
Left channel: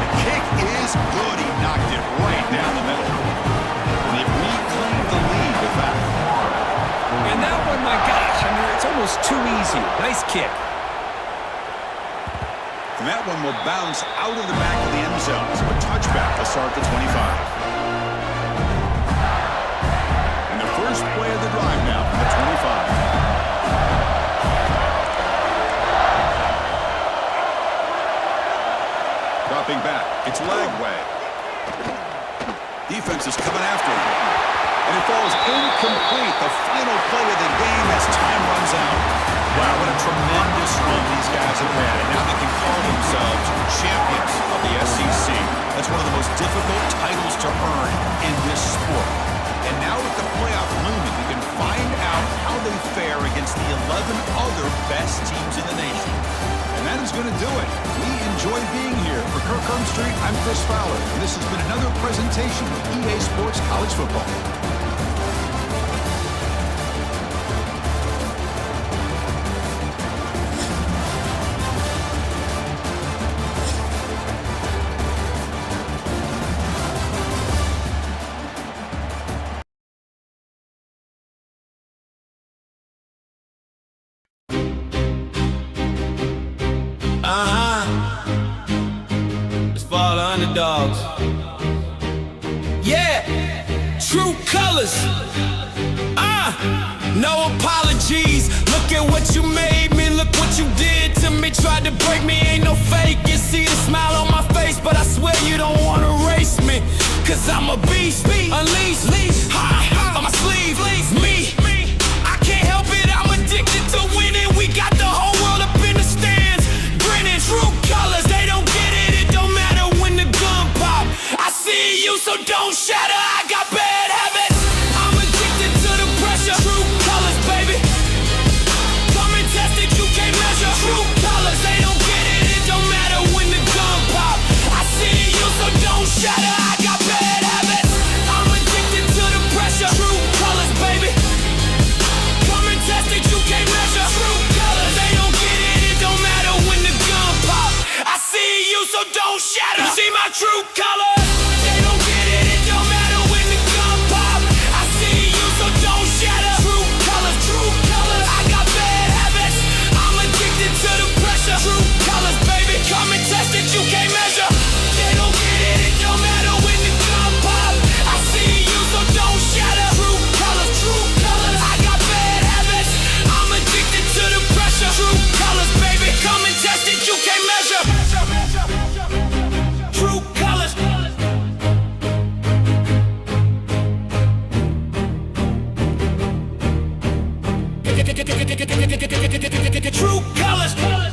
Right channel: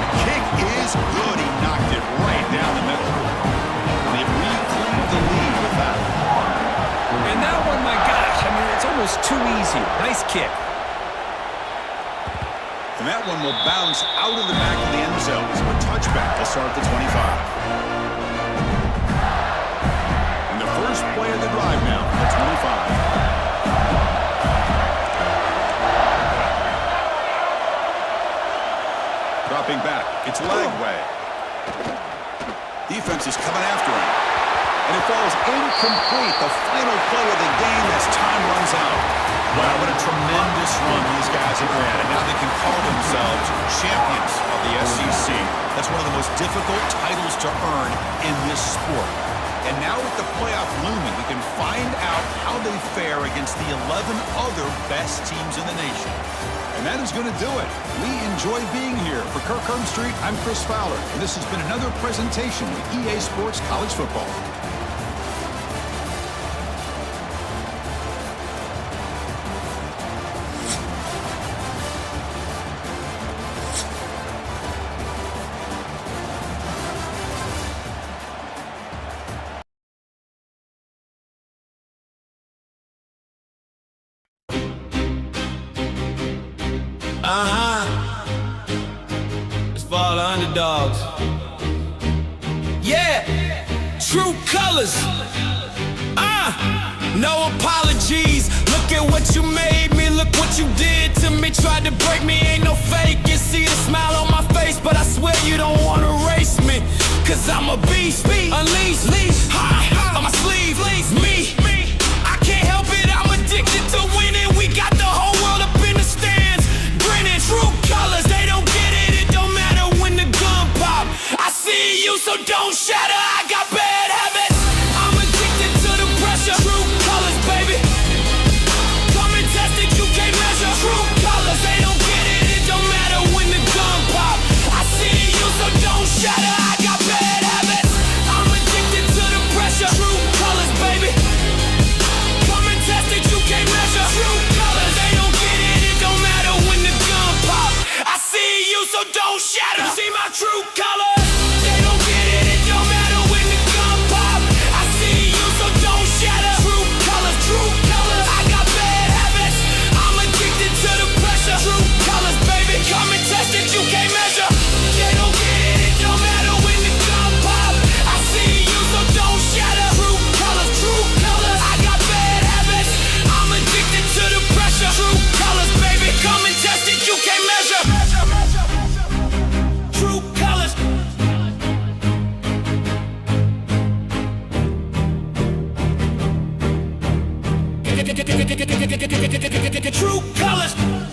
The kick is good. He knocked it right down the middle. And they've reclaimed the lead with that. And that one, my gosh, I mean, it's almost too easy. Nice kick. And that one will bounce out of the back of the end zone. So a touchback will start at the 25. And the first play of the drive now from the 25. Dropping back. It's Lagway. Defense is coming after him. And it falls incomplete. The final play of the game as time runs out. Wow, what a tremendous run these guys have had. And now they can call themselves champions of the SEC. That's one of the most difficult titles to earn in this sport. And now with the playoff looming, we can find out how they fare against the 11 other best teams in the nation. And that is going to do it. We enjoy being here. For Kirk Herbstreit, I'm Chris Fowler, and this has been another presentation of EA Sports College Football. It's for all the underdogs. Yeah, true colors. No apologies. Look at what you made me. Look what you did to me. Tried to break me, ain't no fake. You see the smile on my face, but I swear you don't wanna race me. Cause I'm a beast, unleashed, on my sleeve, me. I can't help it, I'm addicted to winning. We got the whole world up in the stands, grinning. True colors, they don't get it. It don't matter when the gun pop. I see you, so don't shatter. I got bad habits. I'm addicted to the pressure. True colors, baby. Come and test it, you can't measure. True colors, they don't get it. It don't matter when the gun pop. I see you, so don't shatter. I got bad habits. I'm addicted to the pressure. True colors, baby. Come and test it, you can't measure. True colors, they don't get it. It don't matter when the gun pop. I see you, so don't shatter. You see my true colors. They don't get it. It don't matter when the gun pop. I see you, so don't shatter. True colors, true colors. I got bad habits. I'm addicted to the pressure. True colors, baby. Come and test it, you can't measure. They don't get it. It don't matter when the gun pop. I see you, so don't shatter. True colors, true colors. I got bad habits. I'm addicted to the pressure. True colors, baby. Come and test it, you can't measure. True colors. True colors.